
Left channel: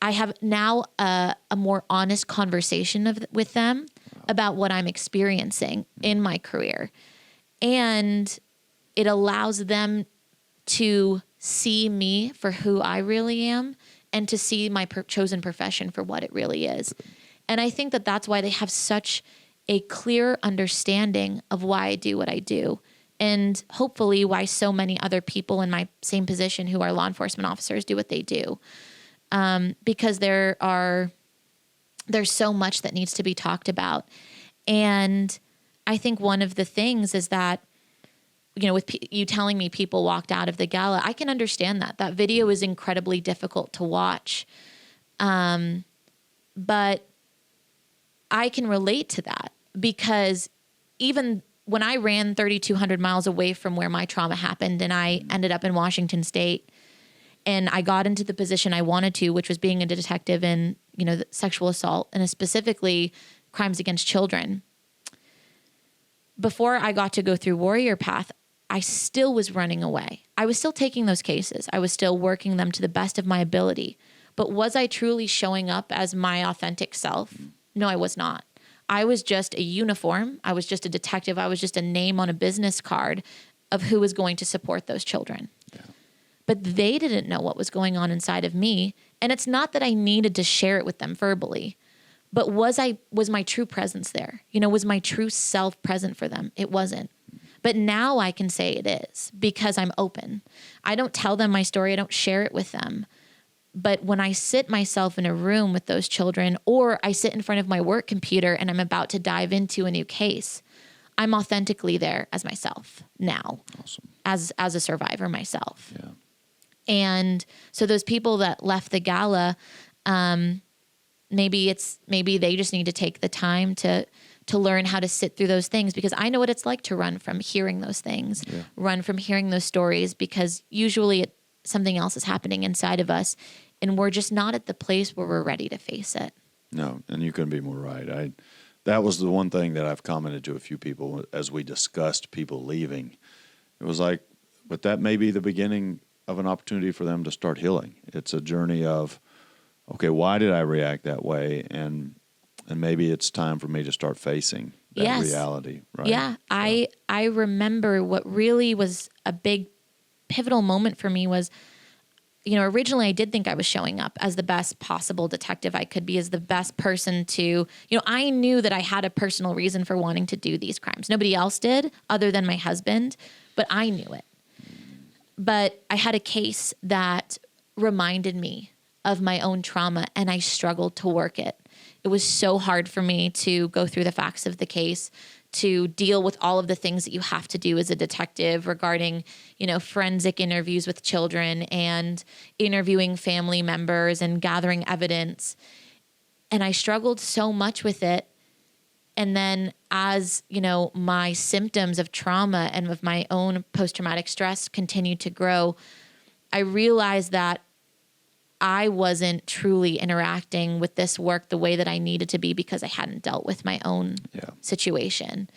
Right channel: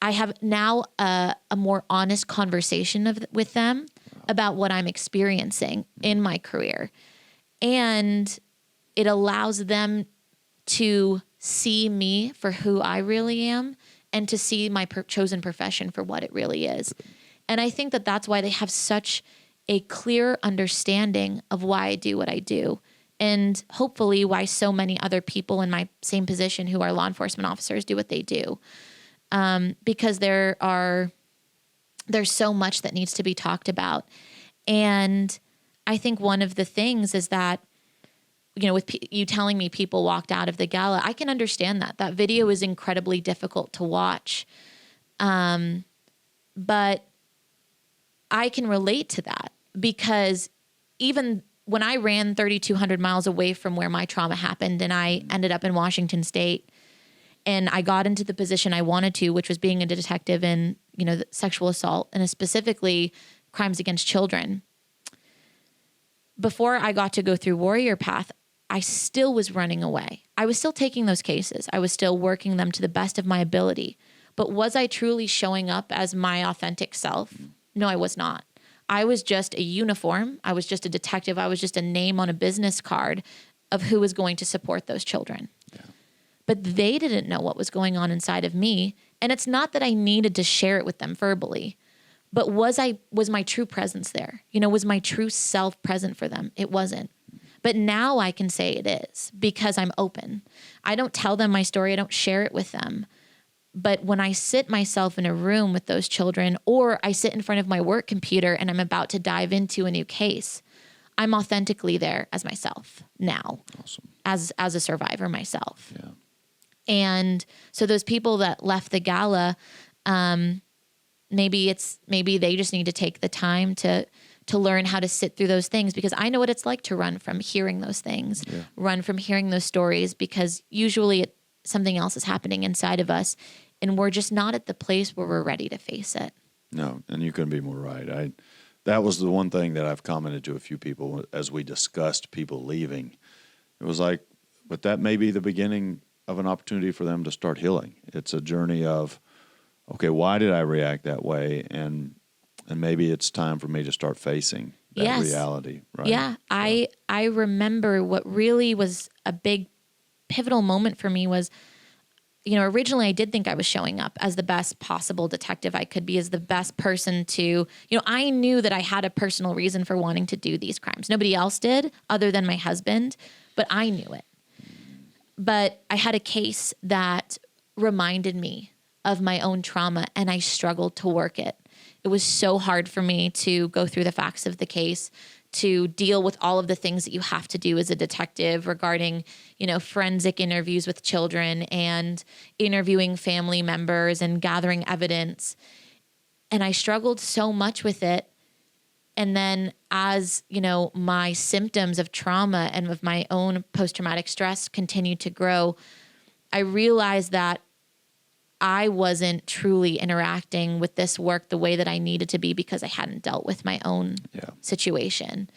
I have now a more honest conversation with them about what I'm experiencing in my career. And it allows them to see me for who I really am, and to see my chosen profession for what it really is. And I think that that's why they have such a clear understanding of why I do what I do, and hopefully why so many other people in my same position who are law enforcement officers do what they do. Because there's so much that needs to be talked about. And I think one of the things is that, with you telling me people walked out of the gala, I can understand that. That video is incredibly difficult to watch. But I can relate to that, because even when I ran 3,200 miles away from where my trauma happened, and I ended up in Washington State, and I got into the position I wanted to, which was being a detective in, sexual assault, and specifically crimes against children. before I got to go through Warrior Path, I still was running away. I was still taking those cases. I was still working them to the best of my ability. But was I truly showing up as my authentic self? No, I was not. I was just a uniform. I was just a detective. I was just a name on a business card of who was going to support those children. Yeah. But they didn't know what was going on inside of me. And it's not that I needed to share it with them verbally, but was my true presence there? Was my true self present for them? It wasn't. But now I can say it is because I'm open. I don't tell them my story. I don't share it with them. But when I sit myself in a room with those children, or I sit in front of my work computer and I'm about to dive into a new case, I'm authentically there as myself now. Awesome. As a survivor myself. Yeah. And so those people that left the gala, maybe they just need to take the time to learn how to sit through those things, because I know what it's like to run from hearing those things, run from hearing those stories, because usually something else is happening inside of us and we're just not at the place where we're ready to face it. No, and you couldn't be more right. That was the one thing that I've commented to a few people as we discussed people leaving. It was like, but that may be the beginning of an opportunity for them to start healing. It's a journey of, okay, why did I react that way? And maybe it's time for me to start facing that reality, right? Yeah. I remember what really was a big pivotal moment for me was, originally I did think I was showing up as the best possible detective I could be, as the best person to, I knew that I had a personal reason for wanting to do these crimes. Nobody else did other than my husband, but I knew it. But I had a case that reminded me of my own trauma, and I struggled to work it. It was so hard for me to go through the facts of the case, to deal with all of the things that you have to do as a detective regarding, forensic interviews with children and interviewing family members and gathering evidence. And I struggled so much with it. And then as, my symptoms of trauma and of my own post-traumatic stress continued to grow, I realized that I wasn't truly interacting with this work the way that I needed to be, because I hadn't dealt with my own situation.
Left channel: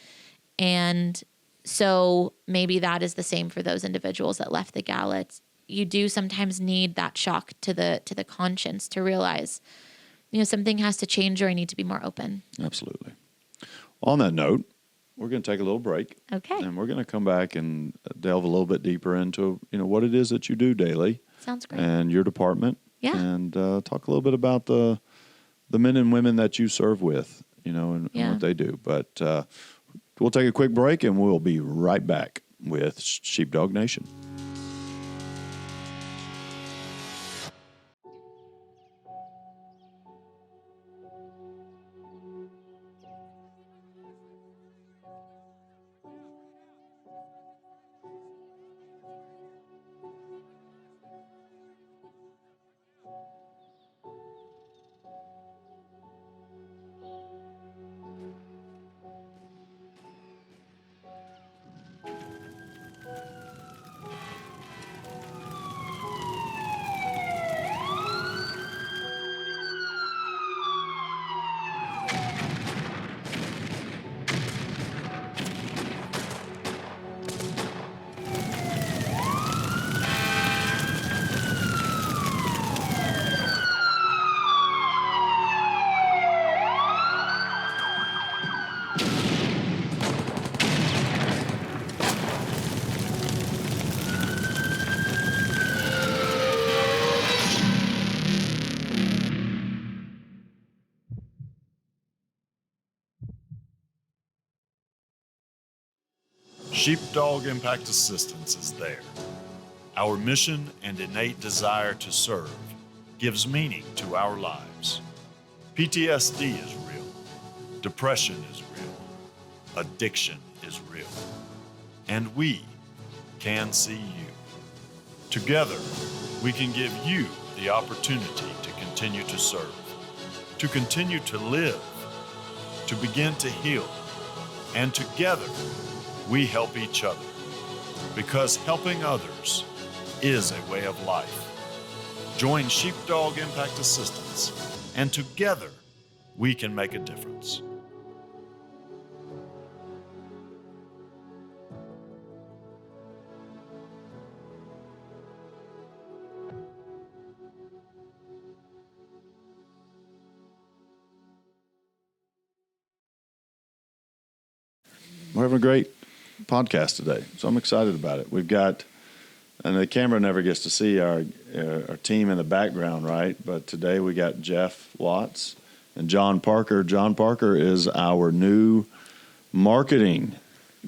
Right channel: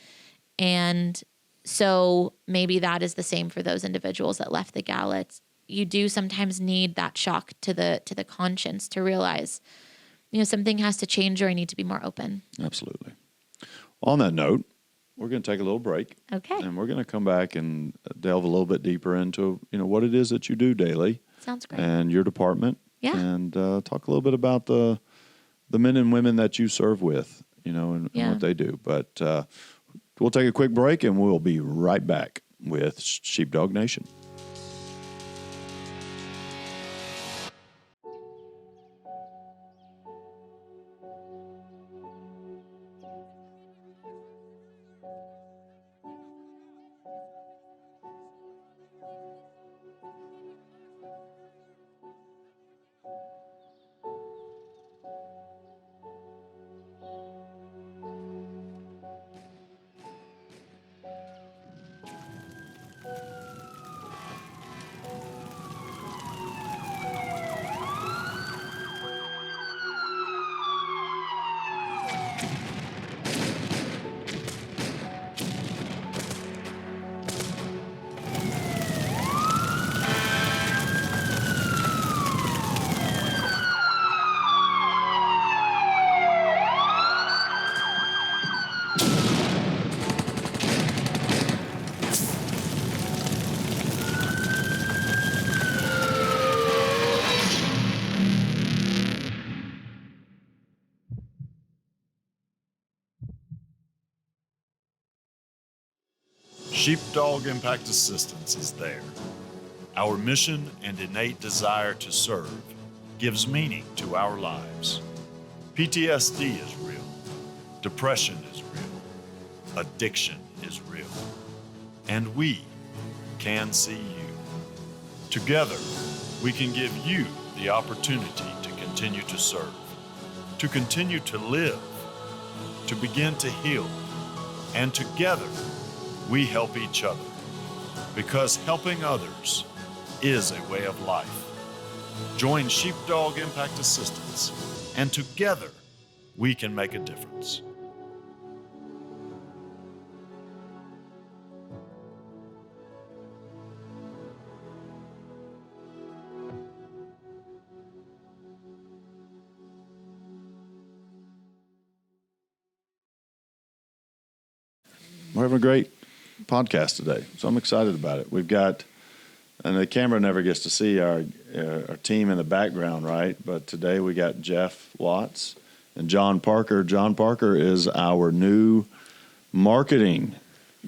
And so maybe that is the same for those individuals that left the gala. You do sometimes need that shock to the conscience to realize, something has to change, or I need to be more open. Absolutely. On that note, we're going to take a little break. Okay. And we're going to come back and delve a little bit deeper into, what it is that you do daily. Sounds great. And your department. Yeah. And talk a little bit about the men and women that you serve with, and what they do. But we'll take a quick break, and we'll be right back with Sheepdog Nation. Sheepdog Impact Assistance is there. Our mission and innate desire to serve gives meaning to our lives. PTSD is real. Depression is real. Addiction is real. And we can see you. Together, we can give you the opportunity to continue to serve, to continue to live, to begin to heal, and together, we help each other, because helping others is a way of life. Join Sheepdog Impact Assistance, and together we can make a difference. we're having a great podcast today, so I'm excited about it. We've got, and the camera never gets to see our team in the background, right? But today we got Jeff Watts and John Parker. John Parker is our new marketing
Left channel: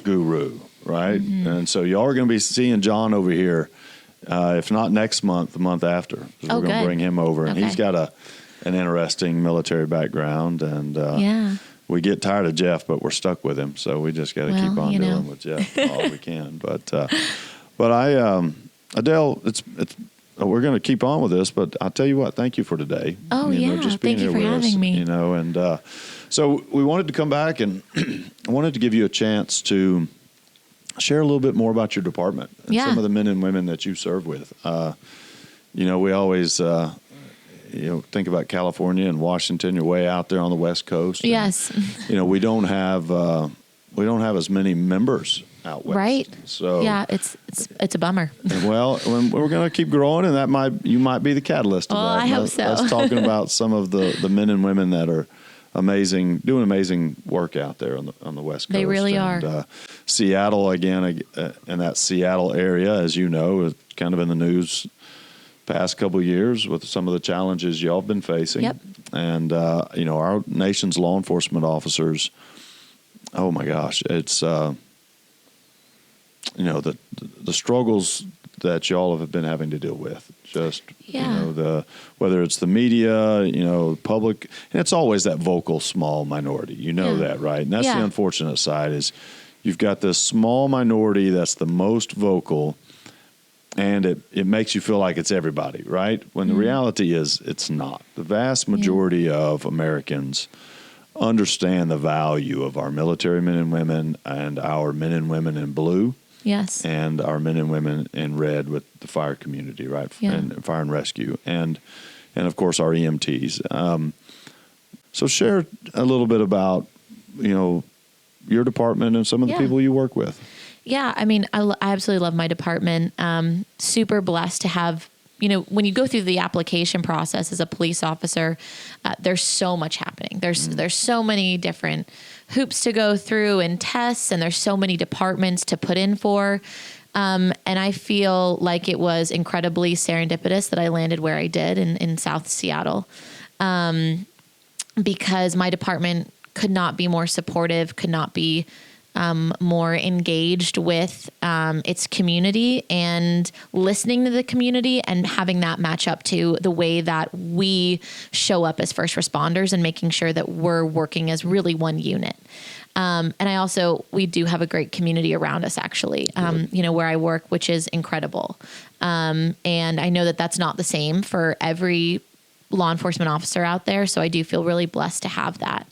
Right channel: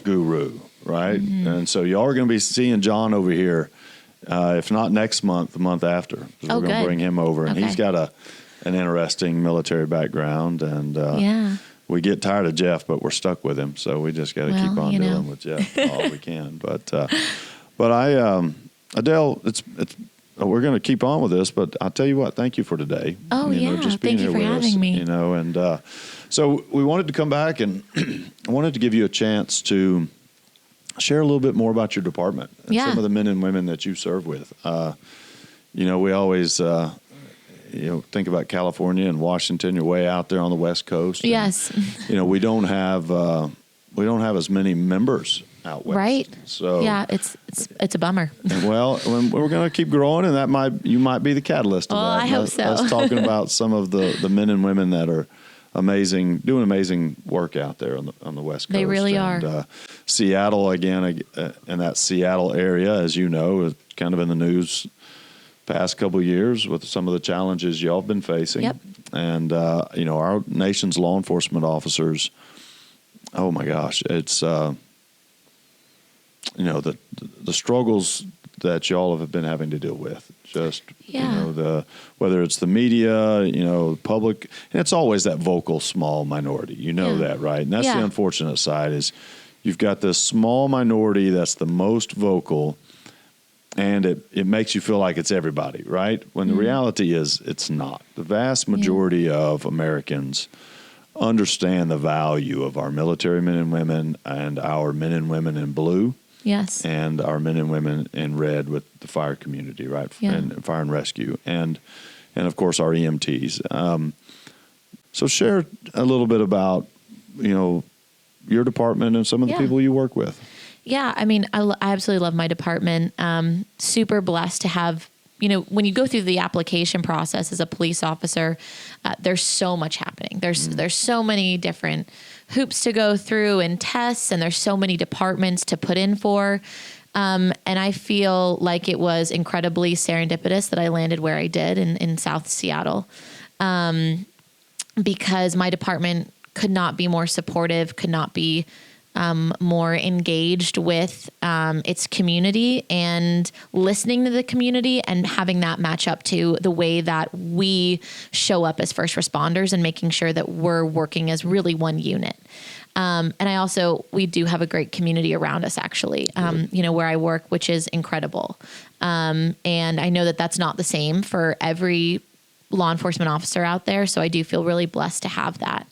guru, right? Mm-hmm. And so y'all are going to be seeing John over here, if not next month, the month after. 'Cause Oh, we're going to good. bring him over, and Okay. he's got an interesting military background, and Yeah. we get tired of Jeff, but we're stuck with him, so we just got to keep Well, on you know. dealing with Jeff all we can. But I, Adele, it's we're going to keep on with this, but I'll tell you what, thank you for today. Oh, yeah. just being Thank you here for with us, having me. and so we wanted to come back, and I wanted to give you a chance to share a little bit more about your department and Yeah. some of the men and women that you serve with. We always think about California and Washington. You're way out there on the West Coast. And, Yes. we don't have as many members out west. Right. So Yeah, it's a bummer. well, we're going to keep growing, and you might be the catalyst of Well, that. I hope so. Let's talking about some of the men and women that are doing amazing work out there on the West Coast. They really and, are. Seattle again, in that Seattle area, as you know, is kind of in the news past couple of years with some of the challenges y'all have been facing. Yep. And our nation's law enforcement officers. Oh my gosh, it's the struggles that y'all have been having to deal with. Just Yeah. whether it's the media, public, and it's always that vocal small minority. You know Yeah. that, right? And that's Yeah. the unfortunate side is you've got this small minority that's the most vocal, and it makes you feel like it's everybody, right? When the reality is it's not. The vast majority of Americans understand the value of our military men and women and our men and women in blue. Yes. And our men and women in red with the fire community, right? Yeah. And fire and rescue, and of course our EMTs. So share a little bit about your department and some of the Yeah. people you work with. Yeah, I mean, I absolutely love my department. Super blessed to have, when you go through the application process as a police officer, there's so much happening. There's so many different hoops to go through and tests, and there's so many departments to put in for. And I feel like it was incredibly serendipitous that I landed where I did in South Seattle, because my department could not be more supportive, could not be more engaged with its community and listening to the community and having that match up to the way that we show up as first responders and making sure that we're working as really one unit. And we do have a great community around us, actually, where I work, which is incredible. And I know that that's not the same for every law enforcement officer out there. So I do feel really blessed to have that.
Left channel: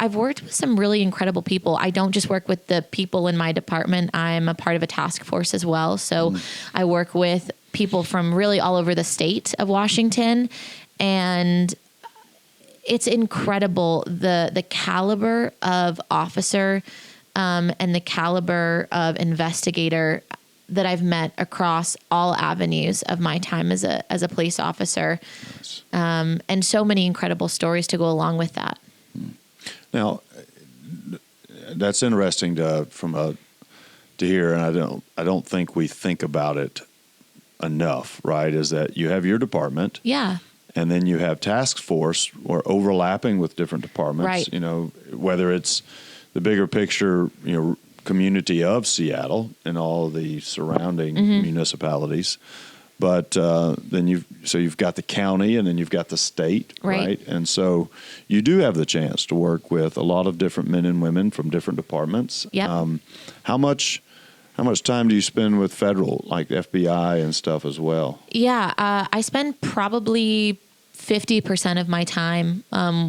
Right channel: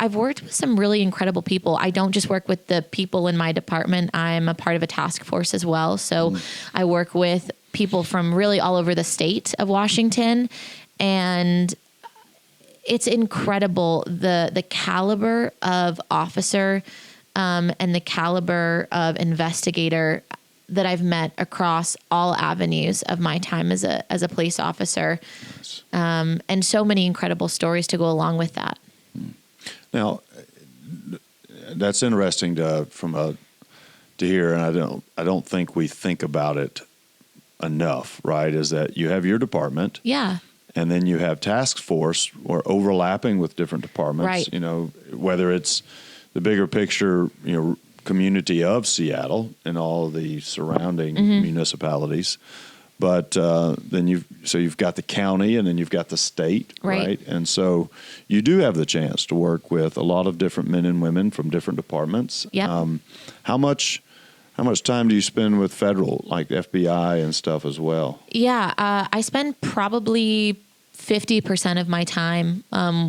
I've worked with some really incredible people. I don't just work with the people in my department. I'm a part of a task force as well. So I work with people from really all over the state of Washington, and it's incredible the caliber of officer and the caliber of investigator that I've met across all avenues of my time as a police officer. Nice. And so many incredible stories to go along with that. Now, that's interesting to hear, and I don't think we think about it enough, right? Is that you have your department, Yeah. and then you have task force or overlapping with different departments. Right. Whether it's the bigger picture, community of Seattle and all the surrounding municipalities. But then you've got the county, and then you've got the state, right? And so you do have the chance to work with a lot of different men and women from different departments. Yep. How much time do you spend with federal, like FBI and stuff as well? Yeah. I spend probably 50% of my time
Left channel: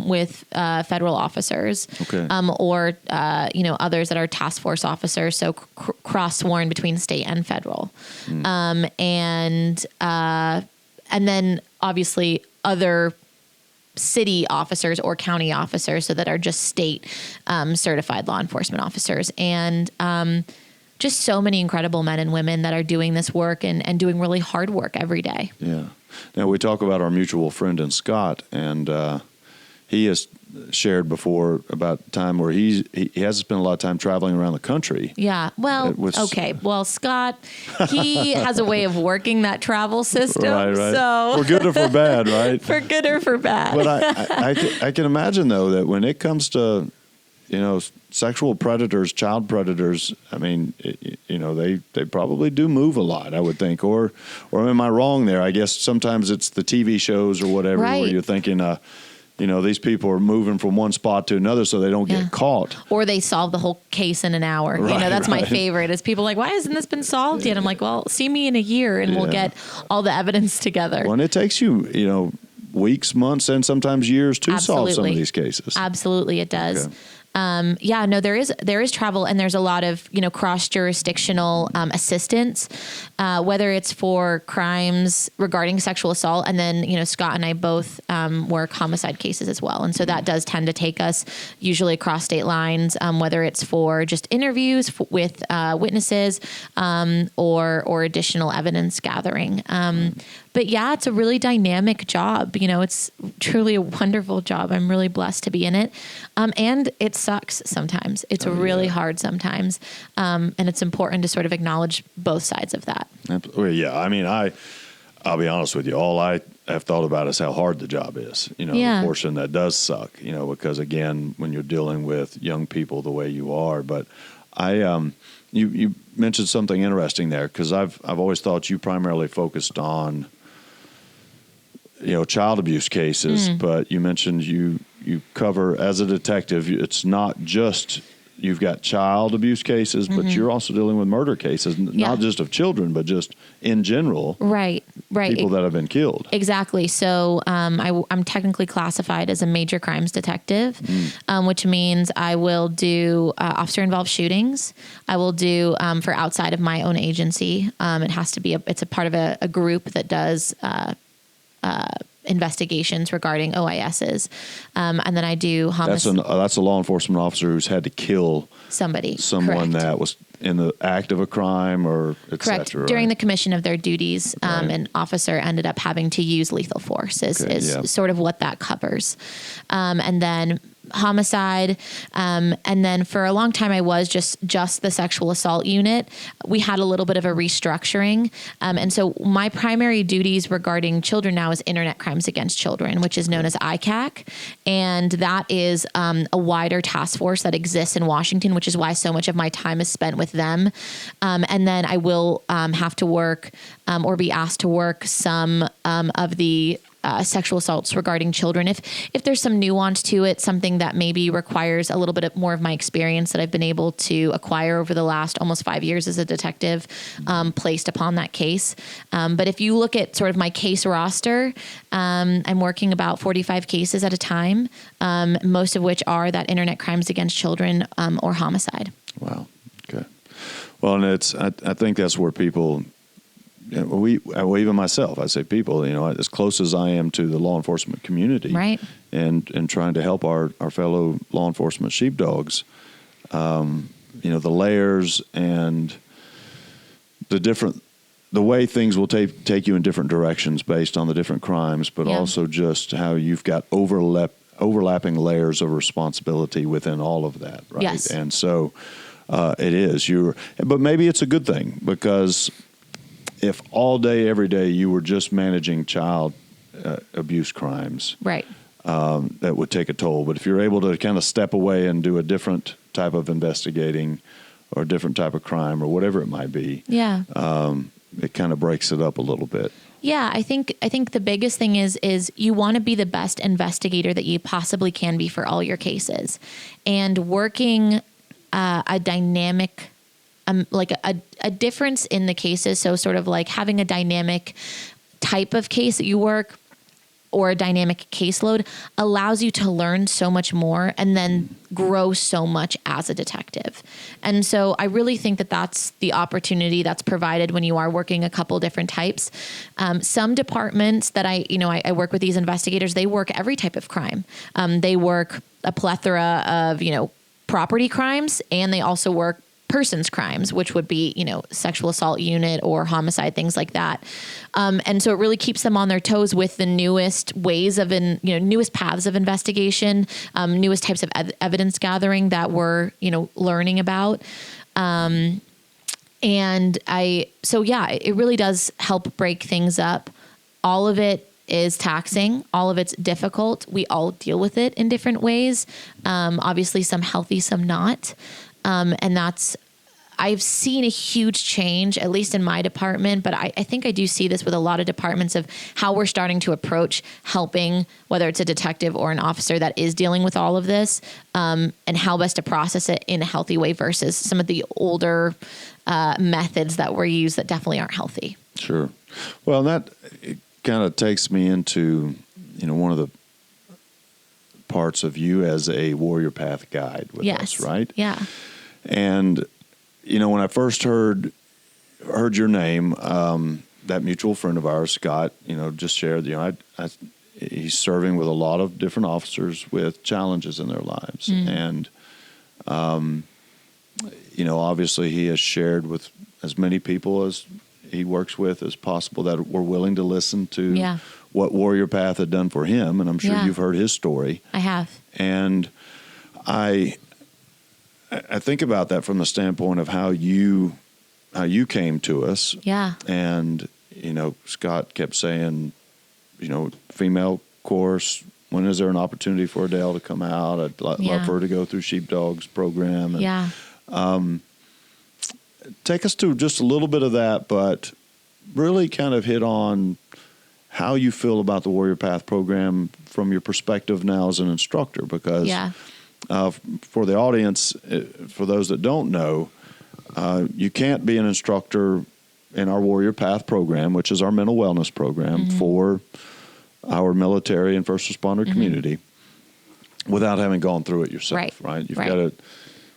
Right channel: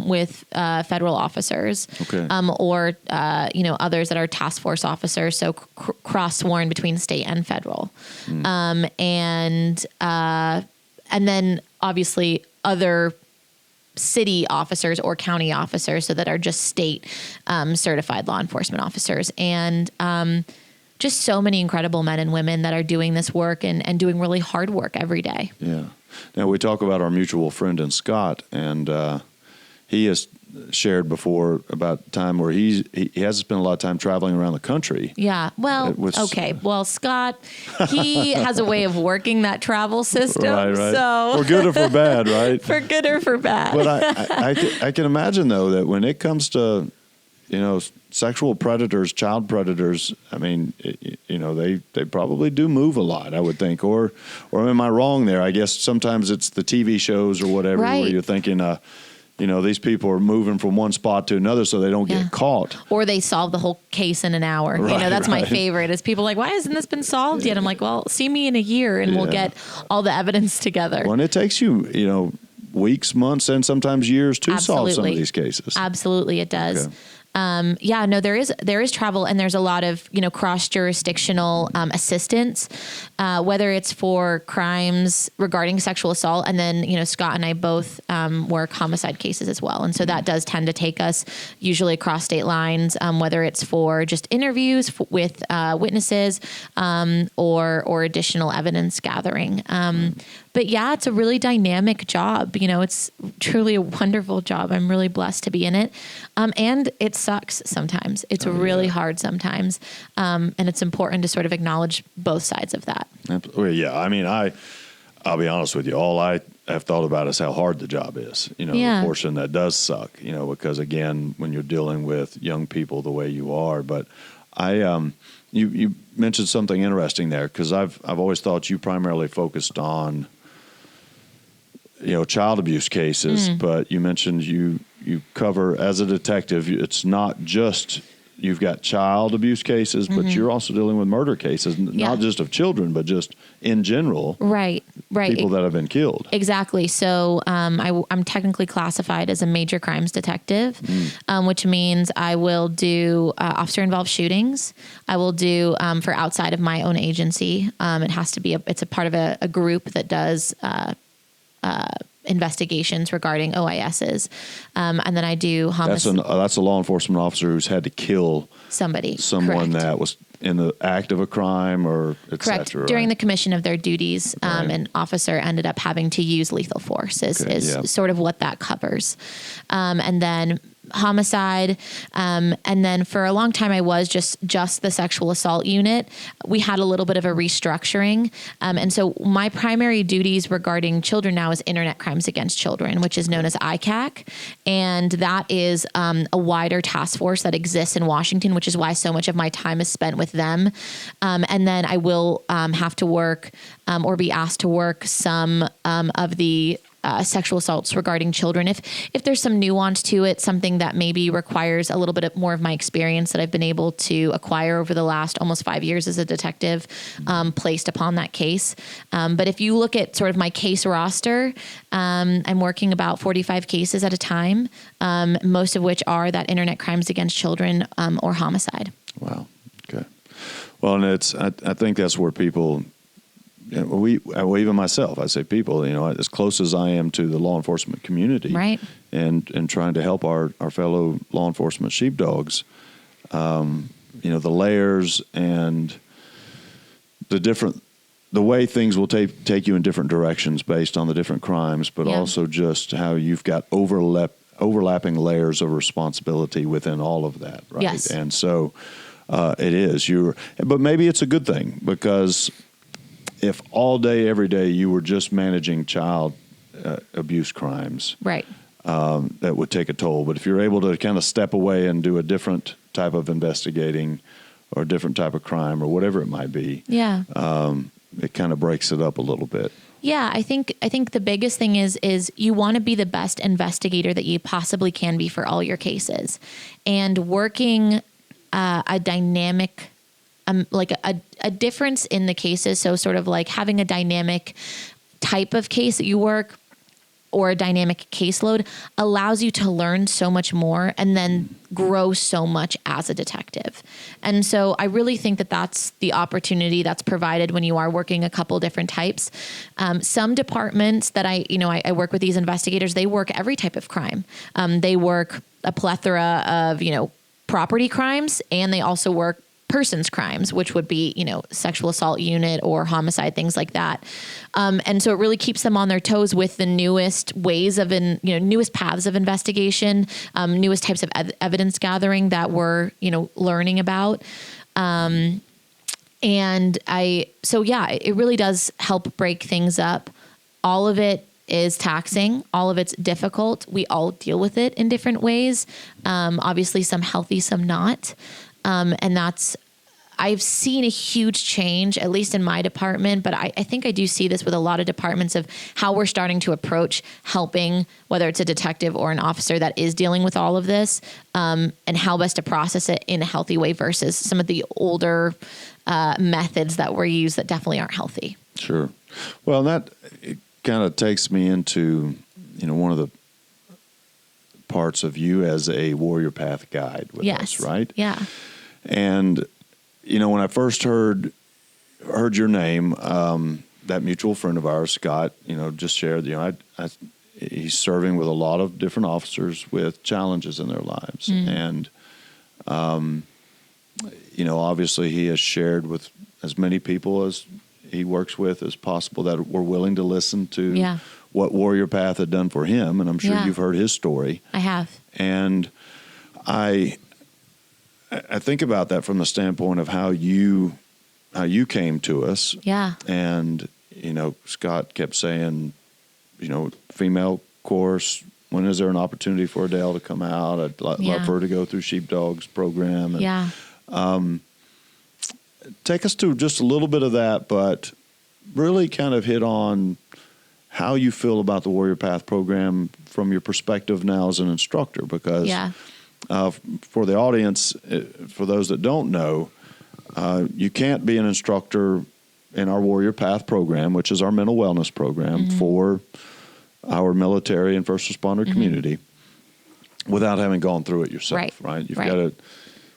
with federal officers, Okay. or others that are task force officers, so cross sworn between state and federal, and then obviously other city officers or county officers, so that are just state certified law enforcement officers, and just so many incredible men and women that are doing this work and doing really hard work every day. Yeah. Now we talk about our mutual friend in Scott, and he has shared before about the time where he has to spend a lot of time traveling around the country. Yeah. Well, okay. Well, Scott, he has a way of working that travel system. Right. So For good or for bad, right? For good or for bad. But I can imagine, though, that when it comes to, sexual predators, child predators, I mean, they probably do move a lot, I would think. Or am I wrong there? I guess sometimes it's the TV shows or whatever where you're thinking, these people are moving from one spot to another so they don't get caught. Or they solve the whole case in an hour. Right, that's my favorite is people like, why hasn't this been solved yet? I'm like, well, see me in a year and we'll get all the evidence together. Well, and it takes you, weeks, months, and sometimes years to solve some of these cases. Absolutely, it does. Okay. There is travel, and there's a lot of cross jurisdictional assistance, whether it's for crimes regarding sexual assault, and then Scott and I both work homicide cases as well, and so that does tend to take us usually across state lines, whether it's for just interviews with witnesses or additional evidence gathering. But yeah, it's a really dynamic job. It's truly a wonderful job. I'm really blessed to be in it. And it sucks sometimes. It's really hard sometimes. And it's important to sort of acknowledge both sides of that. Well, yeah. I mean, I'll be honest with you. All I have thought about is how hard the job is, the portion that does suck, because again, when you're dealing with young people the way you are, but you mentioned something interesting there, because I've always thought you primarily focused on child abuse cases, but you mentioned you cover, as a detective, it's not just you've got child abuse cases, but you're also dealing with murder cases, not just of children, but just in general. Right. People that have been killed. Exactly. So I'm technically classified as a major crimes detective, which means I will do officer-involved shootings. I will do for outside of my own agency. It has to be it's a part of a group that does investigations regarding OISs. And then I do homicide. That's a law enforcement officer who's had to kill someone Correct. that was in the act of a crime or et Correct. cetera, During right? the commission of their duties, an officer ended up having to use lethal force is sort of what that covers. And then homicide. And then for a long time, I was just the sexual assault unit. We had a little bit of a restructuring. And so my primary duties regarding children now is internet crimes against children, which is known as ICAC. And that is a wider task force that exists in Washington, which is why so much of my time is spent with them. And then I will have to work or be asked to work some of the sexual assaults regarding children. If there's some nuance to it, something that maybe requires a little bit more of my experience that I've been able to acquire over the last almost 5 years as a detective, placed upon that case. But if you look at sort of my case roster, I'm working about 45 cases at a time, most of which are that internet crimes against children or homicide. Wow. Okay. Well, and I think that's where people, even myself, I say people, as close as I am to the law enforcement community, right, and trying to help our fellow law enforcement sheepdogs, the layers and the way things will take you in different directions based on the different crimes, but also just how you've got overlapping layers of responsibility within all of that, right? Yes. And so it is. But maybe it's a good thing, because if all day, every day, you were just managing child abuse crimes, right, that would take a toll. But if you're able to kind of step away and do a different type of investigating or a different type of crime or whatever it might be, it kind of breaks it up a little bit. Yeah, I think the biggest thing is you want to be the best investigator that you possibly can be for all your cases, and working a dynamic. Like a difference in the cases. So sort of like having a dynamic type of case that you work or a dynamic caseload allows you to learn so much more and then grow so much as a detective. And so I really think that that's the opportunity that's provided when you are working a couple different types. Some departments that I work with these investigators, they work every type of crime. They work a plethora of, property crimes, and they also work person's crimes, which would be, sexual assault unit or homicide, things like that. And so it really keeps them on their toes with the newest ways of, newest paths of investigation, newest types of evidence gathering that we're, learning about. It really does help break things up. All of it is taxing. All of it's difficult. We all deal with it in different ways. Obviously some healthy, some not. I've seen a huge change, at least in my department, but I think I do see this with a lot of departments of how we're starting to approach helping, whether it's a detective or an officer that is dealing with all of this, and how best to process it in a healthy way versus some of the older methods that were used that definitely aren't healthy. Sure. Well, that kind of takes me into, one of the parts of you as a Warrior Path guide with us, right? Yeah. And, when I first heard your name, that mutual friend of ours, Scott, just shared, he's serving with a lot of different officers with challenges in their lives. And, obviously he has shared with as many people as he works with as possible that were willing to listen to what Warrior Path had done for him. And I'm sure you've heard his story. I have. And I think about that from the standpoint of how you came to us. Yeah. And, Scott kept saying, female course, when is there an opportunity for Adele to come out? I'd love for her to go through Sheepdog's program. And, take us to just a little bit of that, but really kind of hit on how you feel about the Warrior Path program from your perspective now as an instructor, because for the audience, for those that don't know, you can't be an instructor in our Warrior Path program, which is our mental wellness program for our military and first responder community, without having gone through it yourself, right? You've got to.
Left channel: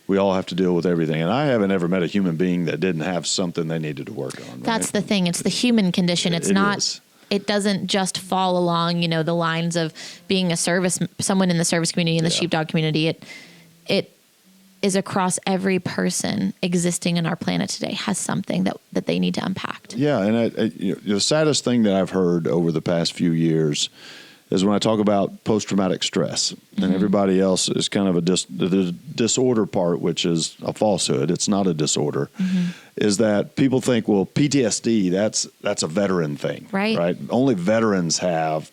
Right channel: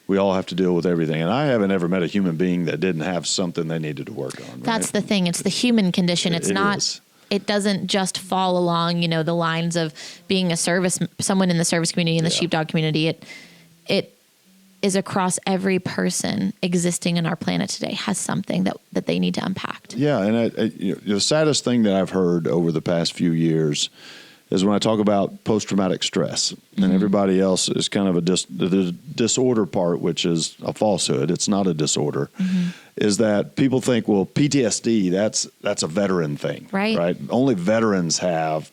We all have to deal with everything. And I haven't ever met a human being that didn't have something they needed to work on. Right? That's the thing. It's the human condition. It's not, it doesn't just fall along, the lines of being someone in the service community, in the sheepdog community. It is across every person existing on our planet today has something that they need to unpack. Yeah. And the saddest thing that I've heard over the past few years is when I talk about post-traumatic stress, and everybody else is kind of the disorder part, which is a falsehood. It's not a disorder. Is that people think, well, PTSD, that's a veteran thing, right? Only veterans have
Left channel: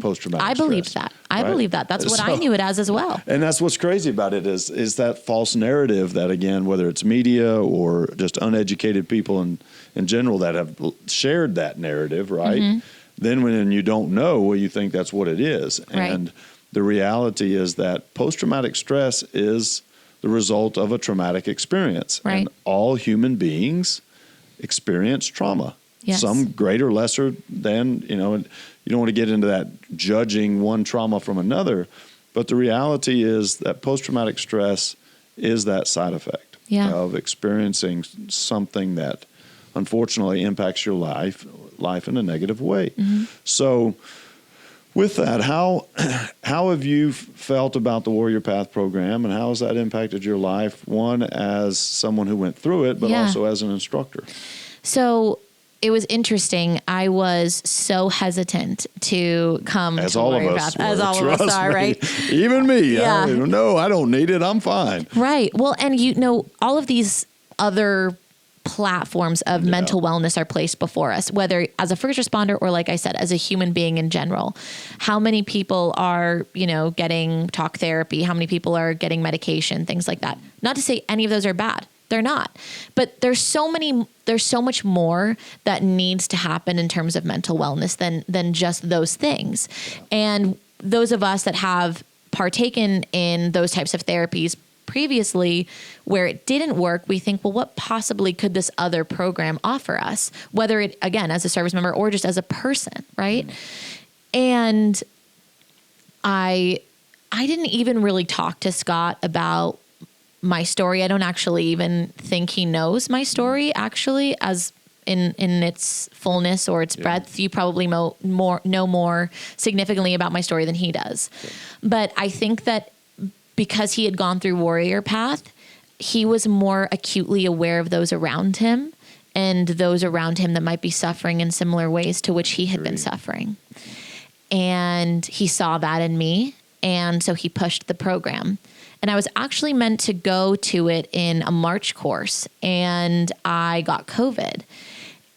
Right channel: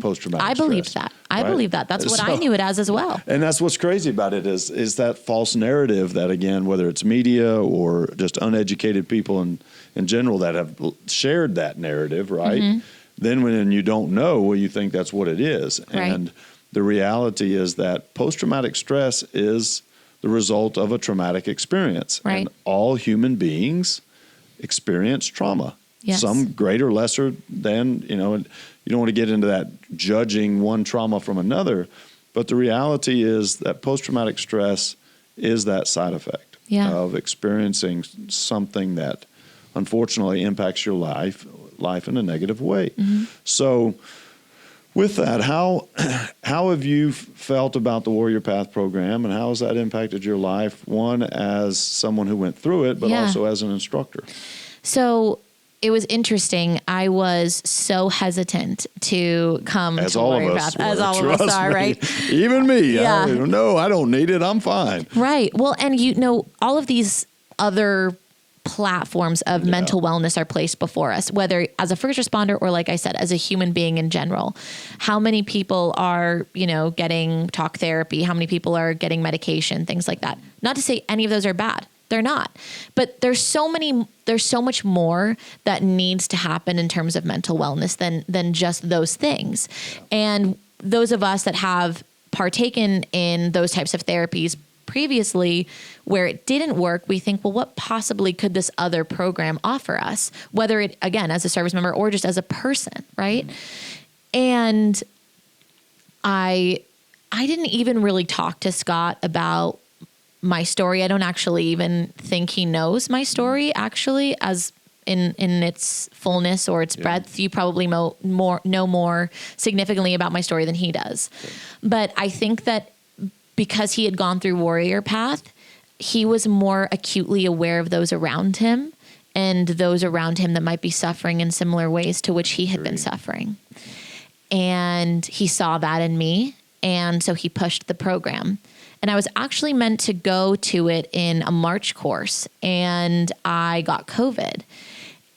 post-traumatic stress. I believe that. I believe that. That's what I knew it as well. And that's what's crazy about it is that false narrative that, again, whether it's media or just uneducated people in general that have shared that narrative, right? Then when you don't know, well, you think that's what it is. And the reality is that post-traumatic stress is the result of a traumatic experience. And all human beings experience trauma. Some greater, lesser than, and you don't want to get into that judging one trauma from another. But the reality is that post-traumatic stress is that side effect of experiencing something that unfortunately impacts your life in a negative way. So with that, how have you felt about the Warrior Path program, and how has that impacted your life, one as someone who went through it, but also as an instructor? So it was interesting. I was so hesitant to come as to all Warrior of us Path, as all of us are, right? Even me. No, I don't need it. I'm fine. Right. Well, and all of these other platforms of mental wellness are placed before us, whether as a first responder or, like I said, as a human being in general. How many people are, getting talk therapy? How many people are getting medication? Things like that. Not to say any of those are bad. They're not. But there's so much more that needs to happen in terms of mental wellness than just those things. And those of us that have partaken in those types of therapies previously where it didn't work, we think, well, what possibly could this other program offer us? Whether it, again, as a service member or just as a person, right? And I didn't even really talk to Scott about my story. I don't actually even think he knows my story, actually, as in its fullness or its breadth. You probably know more significantly about my story than he does. But I think that because he had gone through Warrior Path, he was more acutely aware of those around him and those around him that might be suffering in similar ways to which he had been suffering. And he saw that in me. And so he pushed the program. And I was actually meant to go to it in a March course, and I got COVID.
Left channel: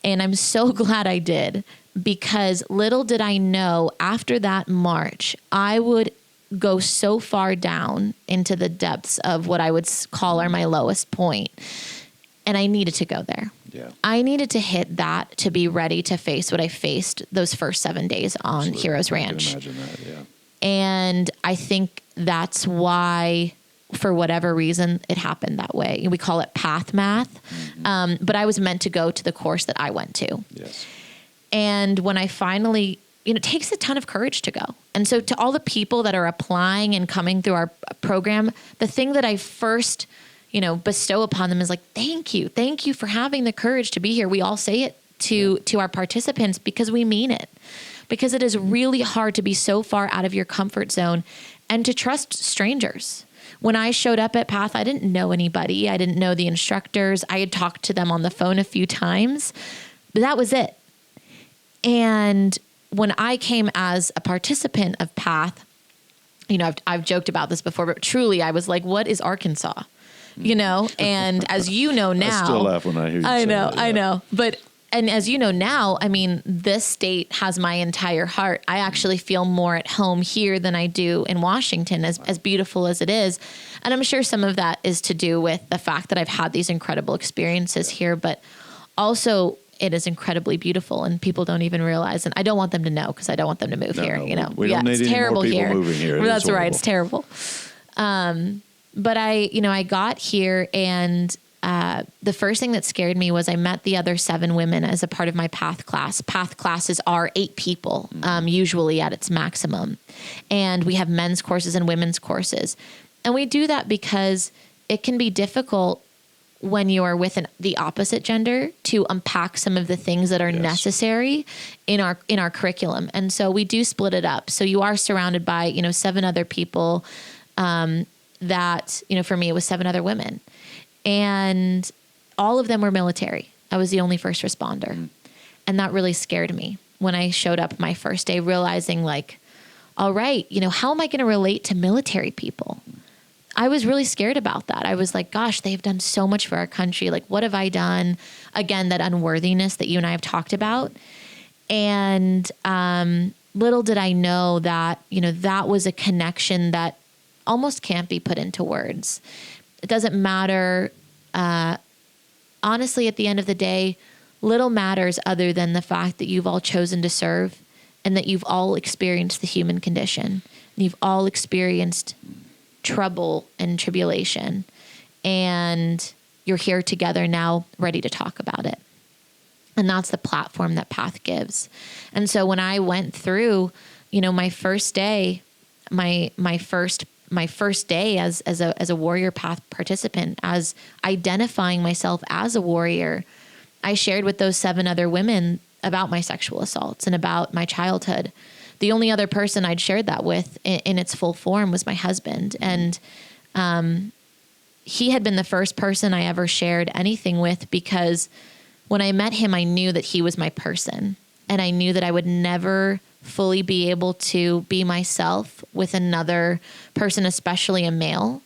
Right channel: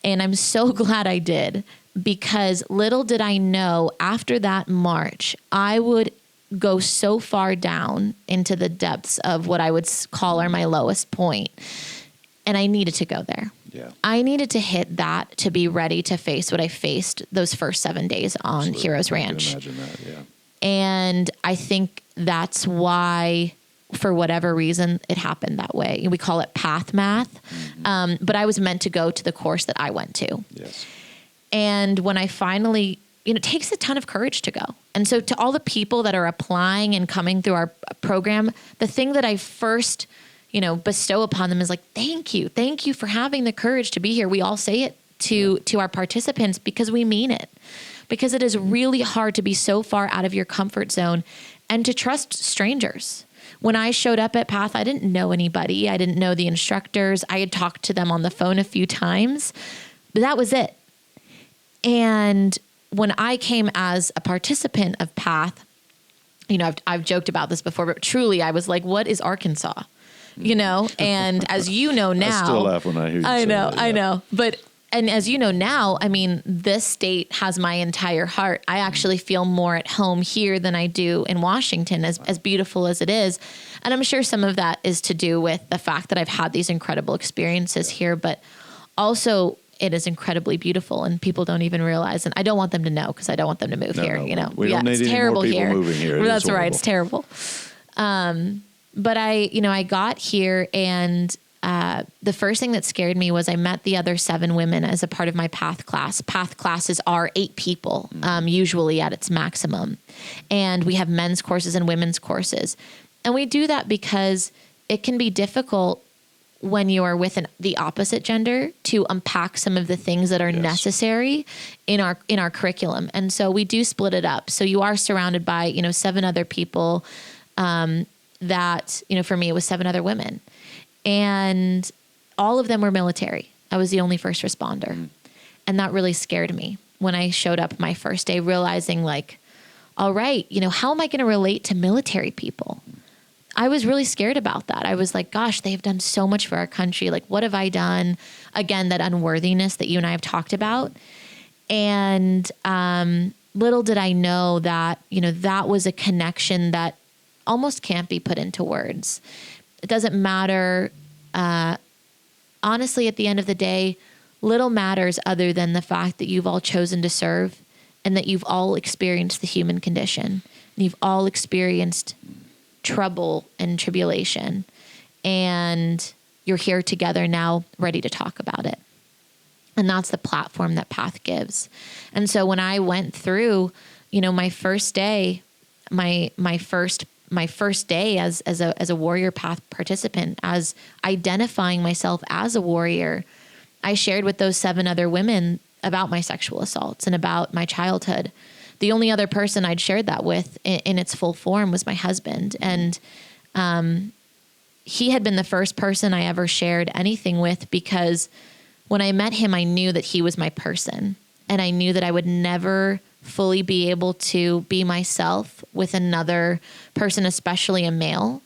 And I'm so glad I did, because little did I know after that March, I would go so far down into the depths of what I would call are my lowest point. And I needed to go there. Yeah. I needed to hit that to be ready to face what I faced those first 7 days on Absolutely. Heroes I can Ranch. imagine that, yeah. And I think that's why, for whatever reason, it happened that way. We call it path math. But I was meant to go to the course that I went to. Yes. And when I finally, it takes a ton of courage to go. And so to all the people that are applying and coming through our program, the thing that I first, bestow upon them is like, thank you. Thank you for having the courage to be here. We all say it to our participants because we mean it. Because it is really hard to be so far out of your comfort zone and to trust strangers. When I showed up at Path, I didn't know anybody. I didn't know the instructors. I had talked to them on the phone a few times, but that was it. And when I came as a participant of Path, I've joked about this before, but truly I was like, what is Arkansas? And as you know now, I still laugh when I hear you say that, yeah. I know. And as you know now, this state has my entire heart. I actually feel more at home here than I do in Washington, as beautiful as it is. And I'm sure some of that is to do with the fact that I've had these incredible experiences here, but also it is incredibly beautiful, and people don't even realize. And I don't want them to know, because I don't want them to move here. We don't need any more people moving here. That's right. It's terrible. But I got here, and the first thing that scared me was I met the other 7 women as a part of my Path class. Path classes are 8 people, usually at its maximum. And we have men's courses and women's courses. And we do that because it can be difficult when you are with the opposite gender to unpack some of the things that are necessary in our curriculum. And so we do split it up. So you are surrounded by, 7 other people that, for me, it was 7 other women. And all of them were military. I was the only first responder. And that really scared me when I showed up my first day, realizing like, all right, how am I going to relate to military people? I was really scared about that. I was like, gosh, they've done so much for our country. Like, what have I done? Again, that unworthiness that you and I have talked about. And little did I know that, that was a connection that almost can't be put into words. It doesn't matter. Honestly, at the end of the day, little matters other than the fact that you've all chosen to serve and that you've all experienced the human condition. And you've all experienced trouble and tribulation. And you're here together now, ready to talk about it. And that's the platform that Path gives. And so when I went through, my first day, my first day as a Warrior Path participant, as identifying myself as a warrior, I shared with those 7 other women about my sexual assaults and about my childhood. The only other person I'd shared that with in its full form was my husband. And he had been the first person I ever shared anything with, because when I met him, I knew that he was my person. And I knew that I would never fully be able to be myself with another person, especially a male,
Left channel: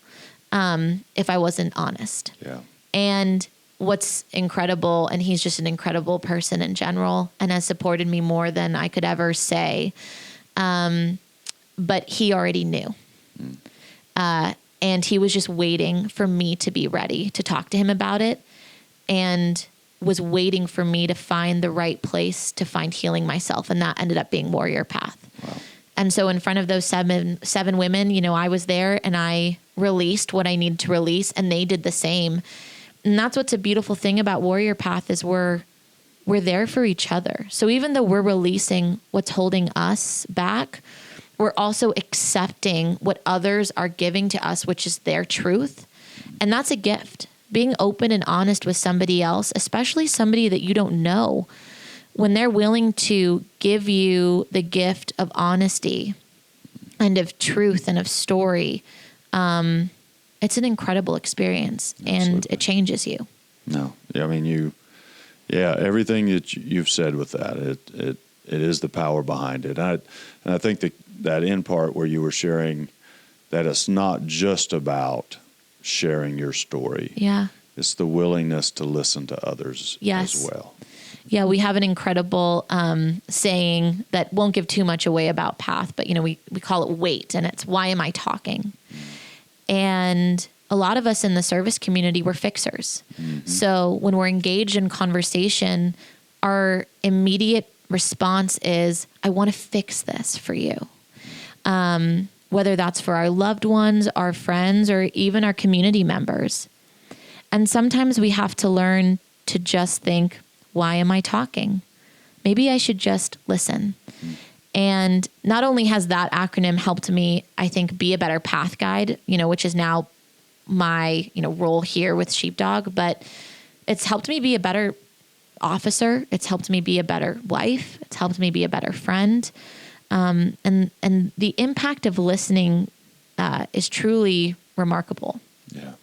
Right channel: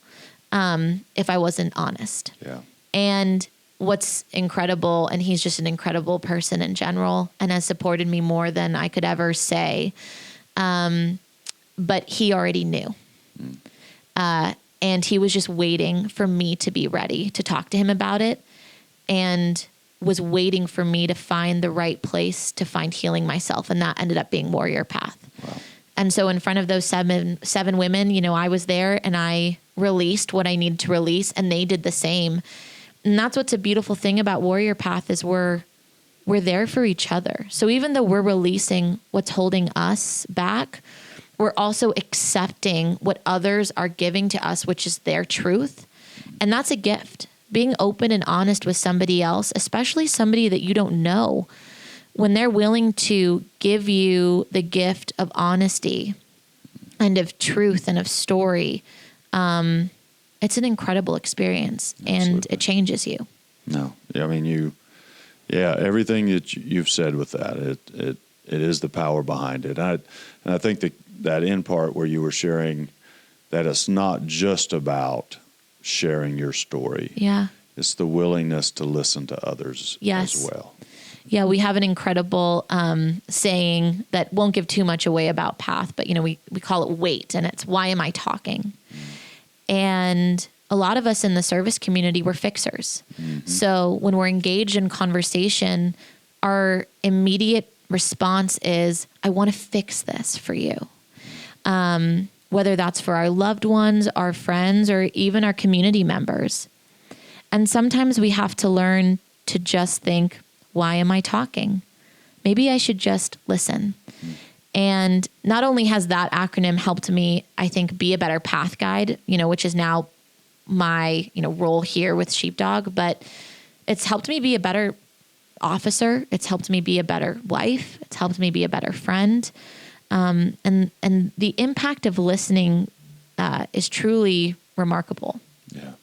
if I wasn't honest. Yeah. And what's incredible, and he's just an incredible person in general and has supported me more than I could ever say. But he already knew. And he was just waiting for me to be ready to talk to him about it, and was waiting for me to find the right place to find healing myself. And that ended up being Warrior Path. Wow. And so in front of those seven women, I was there and I released what I needed to release, and they did the same. And that's what's a beautiful thing about Warrior Path is we're there for each other. So even though we're releasing what's holding us back, we're also accepting what others are giving to us, which is their truth. And that's a gift. Being open and honest with somebody else, especially somebody that you don't know, when they're willing to give you the gift of honesty and of truth and of story, it's an incredible experience, and Absolutely. it changes you. No, I mean, everything that you've said with that, it is the power behind it. And I think that end part where you were sharing that it's not just about sharing your story. Yeah. It's the willingness to listen to others Yes. as well. Yeah, we have an incredible saying that won't give too much away about Path, but we call it WAIT, and it's why am I talking? And a lot of us in the service community, we're fixers. Mm-hmm. So when we're engaged in conversation, our immediate response is, I want to fix this for you. Whether that's for our loved ones, our friends, or even our community members. And sometimes we have to learn to just think, why am I talking? Maybe I should just listen. And not only has that acronym helped me, I think, be a better path guide, which is now my, role here with Sheepdog, but it's helped me be a better officer. It's helped me be a better wife. It's helped me be a better friend. And the impact of listening is truly remarkable. Yeah.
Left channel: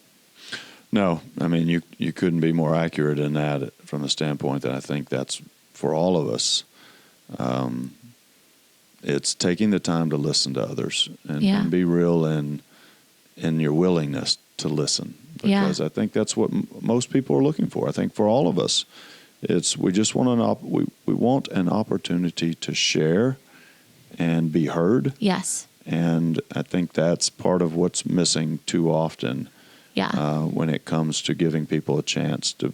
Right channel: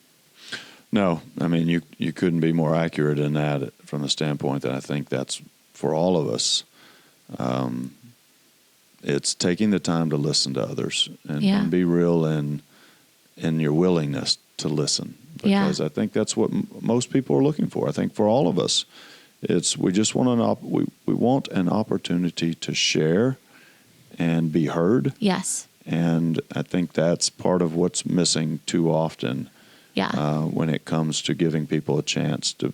No, I mean, you couldn't be more accurate in that from the standpoint that I think that's for all of us. It's taking the time to listen to others and be real in your willingness to listen. Because I think that's what most people are looking for. I think for all of us, we just want we want an opportunity to share and be heard. Yes. And I think that's part of what's missing too often. Yeah. When it comes to giving people a chance to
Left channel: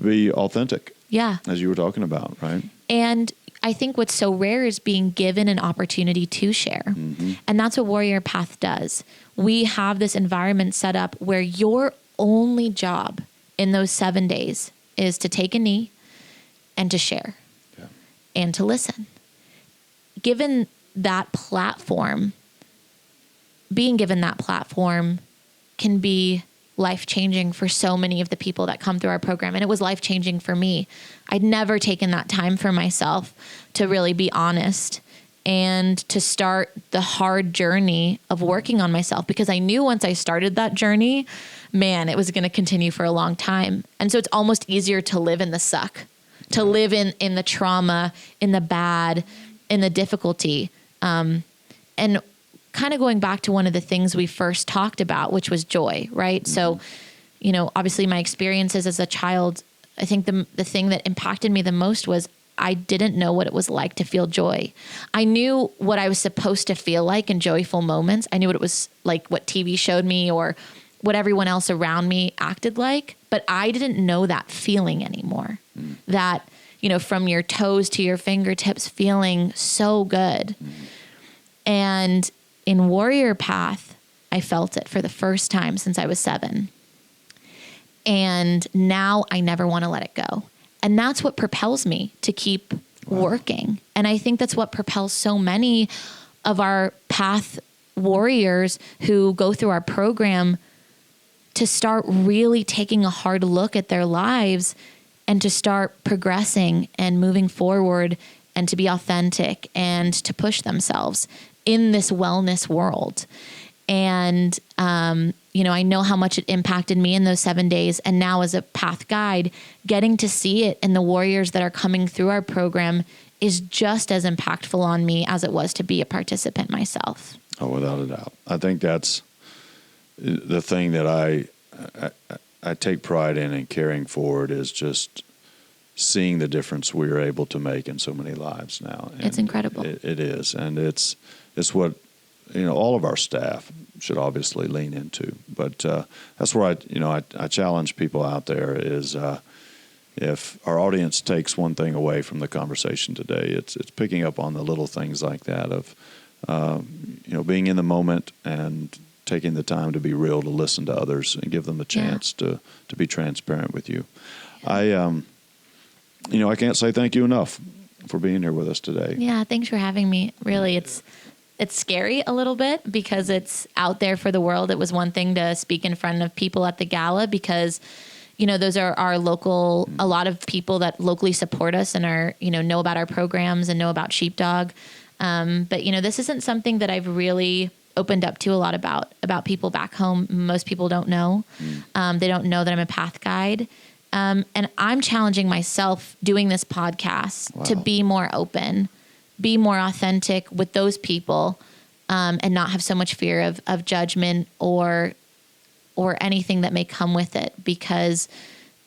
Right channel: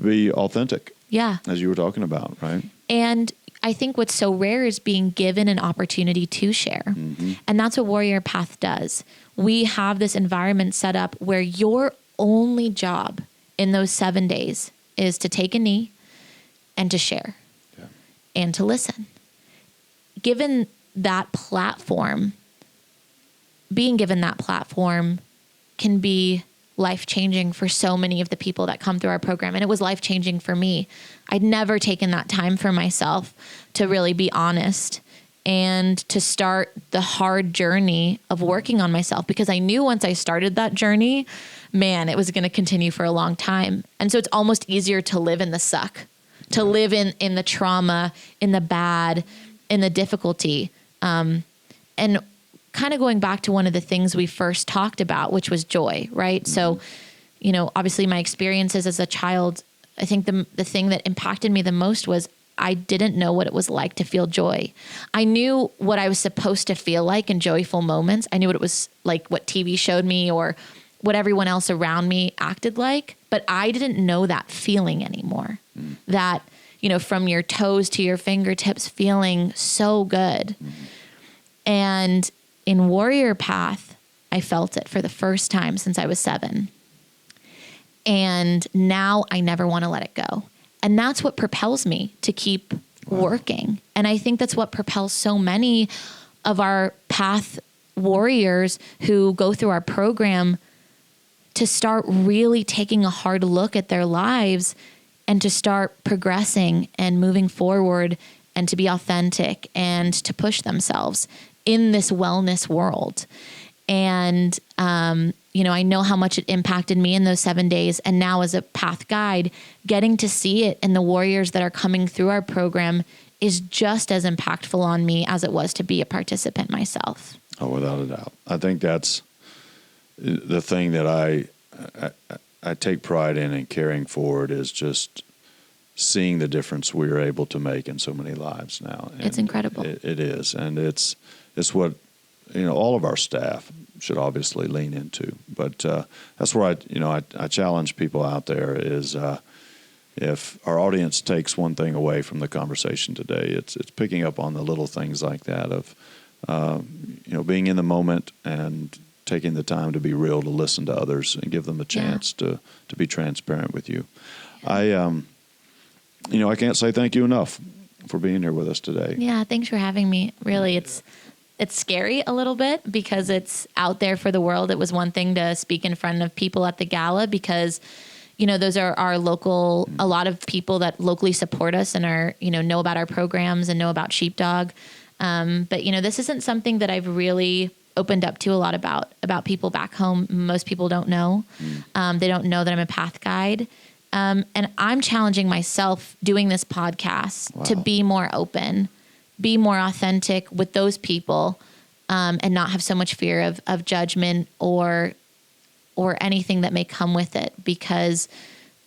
be authentic. Yeah. As you were talking about, right? And I think what's so rare is being given an opportunity to share. Mm-hmm. And that's what Warrior Path does. We have this environment set up where your only job in those 7 days is to take a knee and to share and to listen. Given that platform, being given that platform can be life-changing for so many of the people that come through our program. And it was life-changing for me. I'd never taken that time for myself to really be honest and to start the hard journey of working on myself, because I knew once I started that journey, man, it was going to continue for a long time. And so it's almost easier to live in the suck, to live in the trauma, in the bad, in the difficulty. And kind of going back to one of the things we first talked about, which was joy, right? Mm-hmm. So, obviously my experiences as a child, I think the thing that impacted me the most was I didn't know what it was like to feel joy. I knew what I was supposed to feel like in joyful moments. I knew what it was like, what TV showed me or what everyone else around me acted like, but I didn't know that feeling anymore. Mm. That, from your toes to your fingertips, feeling so good. Mm. And in Warrior Path, I felt it for the first time since I was 7. And now I never want to let it go. And that's what propels me to keep working. And I think that's what propels so many of our Path warriors who go through our program to start really taking a hard look at their lives and to start progressing and moving forward and to be authentic and to push themselves in this wellness world. And, I know how much it impacted me in those 7 days. And now as a Path guide, getting to see it in the warriors that are coming through our program is just as impactful on me as it was to be a participant myself. Oh, without a doubt. I think that's the thing that I take pride in and carrying forward is just seeing the difference we are able to make in so many lives now. And it's incredible. It is. And it's what, all of our staff should obviously lean into. But that's where I challenge people out there is if our audience takes one thing away from the conversation today, it's picking up on the little things like that of, being in the moment and taking the time to be real, to listen to others and give them a chance to be transparent with you. Yeah. I can't say thank you enough for being here with us today. Yeah, thanks for having me. Really, it's scary a little bit because it's out there for the world. It was one thing to speak in front of people at the gala because, those are our local, a lot of people that locally support us and are, know about our programs and know about Sheepdog. But, this isn't something that I've really opened up to a lot about people back home. Most people don't know. They don't know that I'm a path guide. And I'm challenging myself doing this podcast to be more open, be more authentic with those people, and not have so much fear of judgment or anything that may come with it. Because,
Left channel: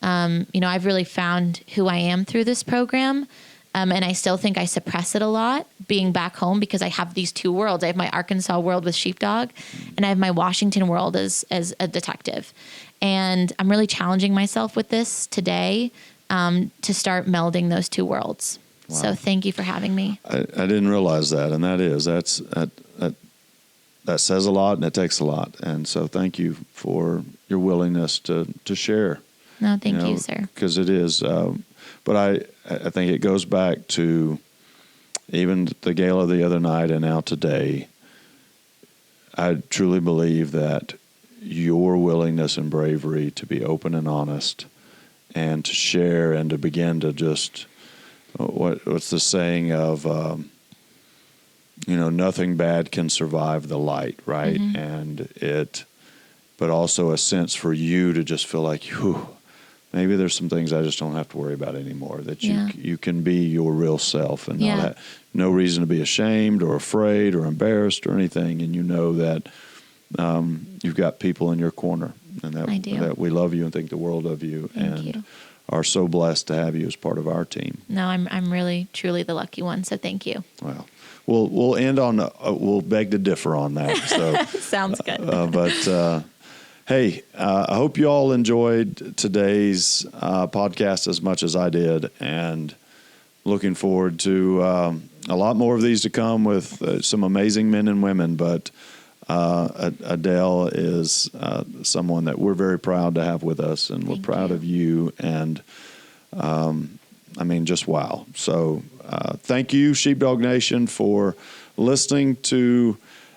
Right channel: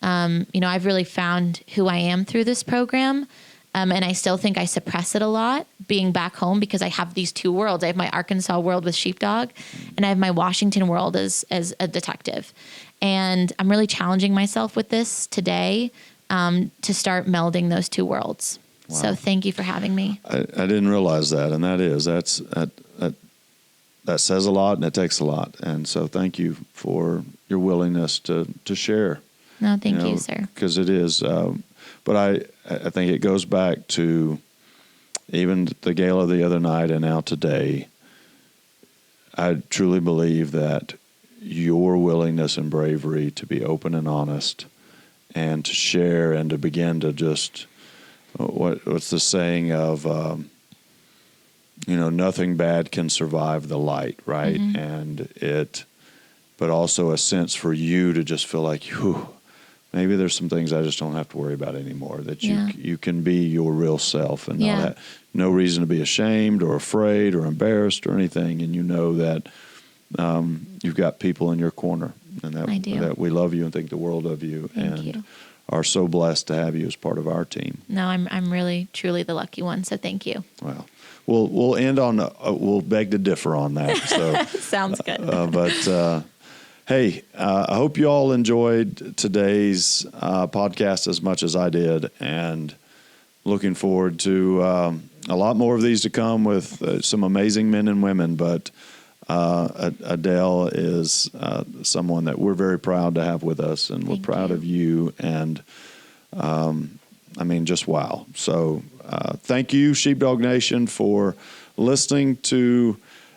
I've really found who I am through this program. And I still think I suppress it a lot being back home, because I have these two worlds. I have my Arkansas world with sheepdog, and I have my Washington world as a detective. And I'm really challenging myself with this today, to start melding those two worlds. Wow. So thank you for having me. I didn't realize that. And that says a lot, and it takes a lot. And so thank you for your willingness to share. No, thank you, sir. Because it is. But I think it goes back to even the gala the other night and now today. I truly believe that your willingness and bravery to be open and honest and to share and to begin to just, what's the saying of, nothing bad can survive the light, right? Mm-hmm. And but also a sense for you to just feel like, maybe there's some things I just don't have to worry about anymore, that you can be your real self and not have no reason to be ashamed or afraid or embarrassed or anything. And you know that you've got people in your corner, and that we love you and think the world of you. Thank you. Are so blessed to have you as part of our team. No, I'm really, truly the lucky one. So thank you. Well, we'll end on, we'll beg to differ on that. So sounds good. Hey, I hope you all enjoyed today's podcast as much as I did, and looking forward to a lot more of these to come with some amazing men and women. But Adele is someone that we're very proud to have with us, and we're proud of you. And just wow. So thank you, Sheepdog Nation, for listening to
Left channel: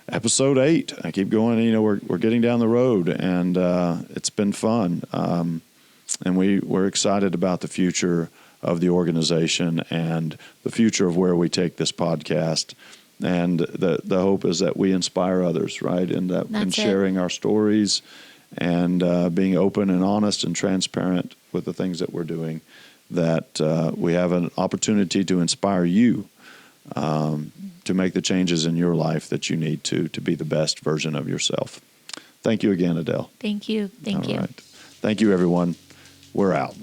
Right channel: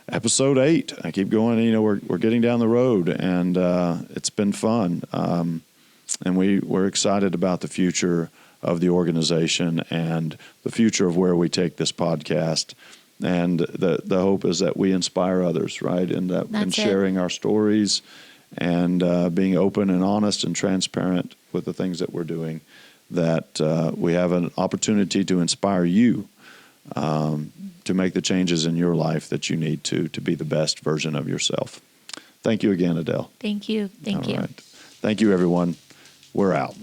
Episode 8. I keep going. We're getting down the road, and it's been fun. And we're excited about the future of the organization and the future of where we take this podcast. And the hope is that we inspire others, right? In sharing our stories and being open and honest and transparent with the things that we're doing, that we have an opportunity to inspire you to make the changes in your life that you need to be the best version of yourself. Thank you again, Adele. Thank you. Thank you. All right. Thank you, everyone. We're out.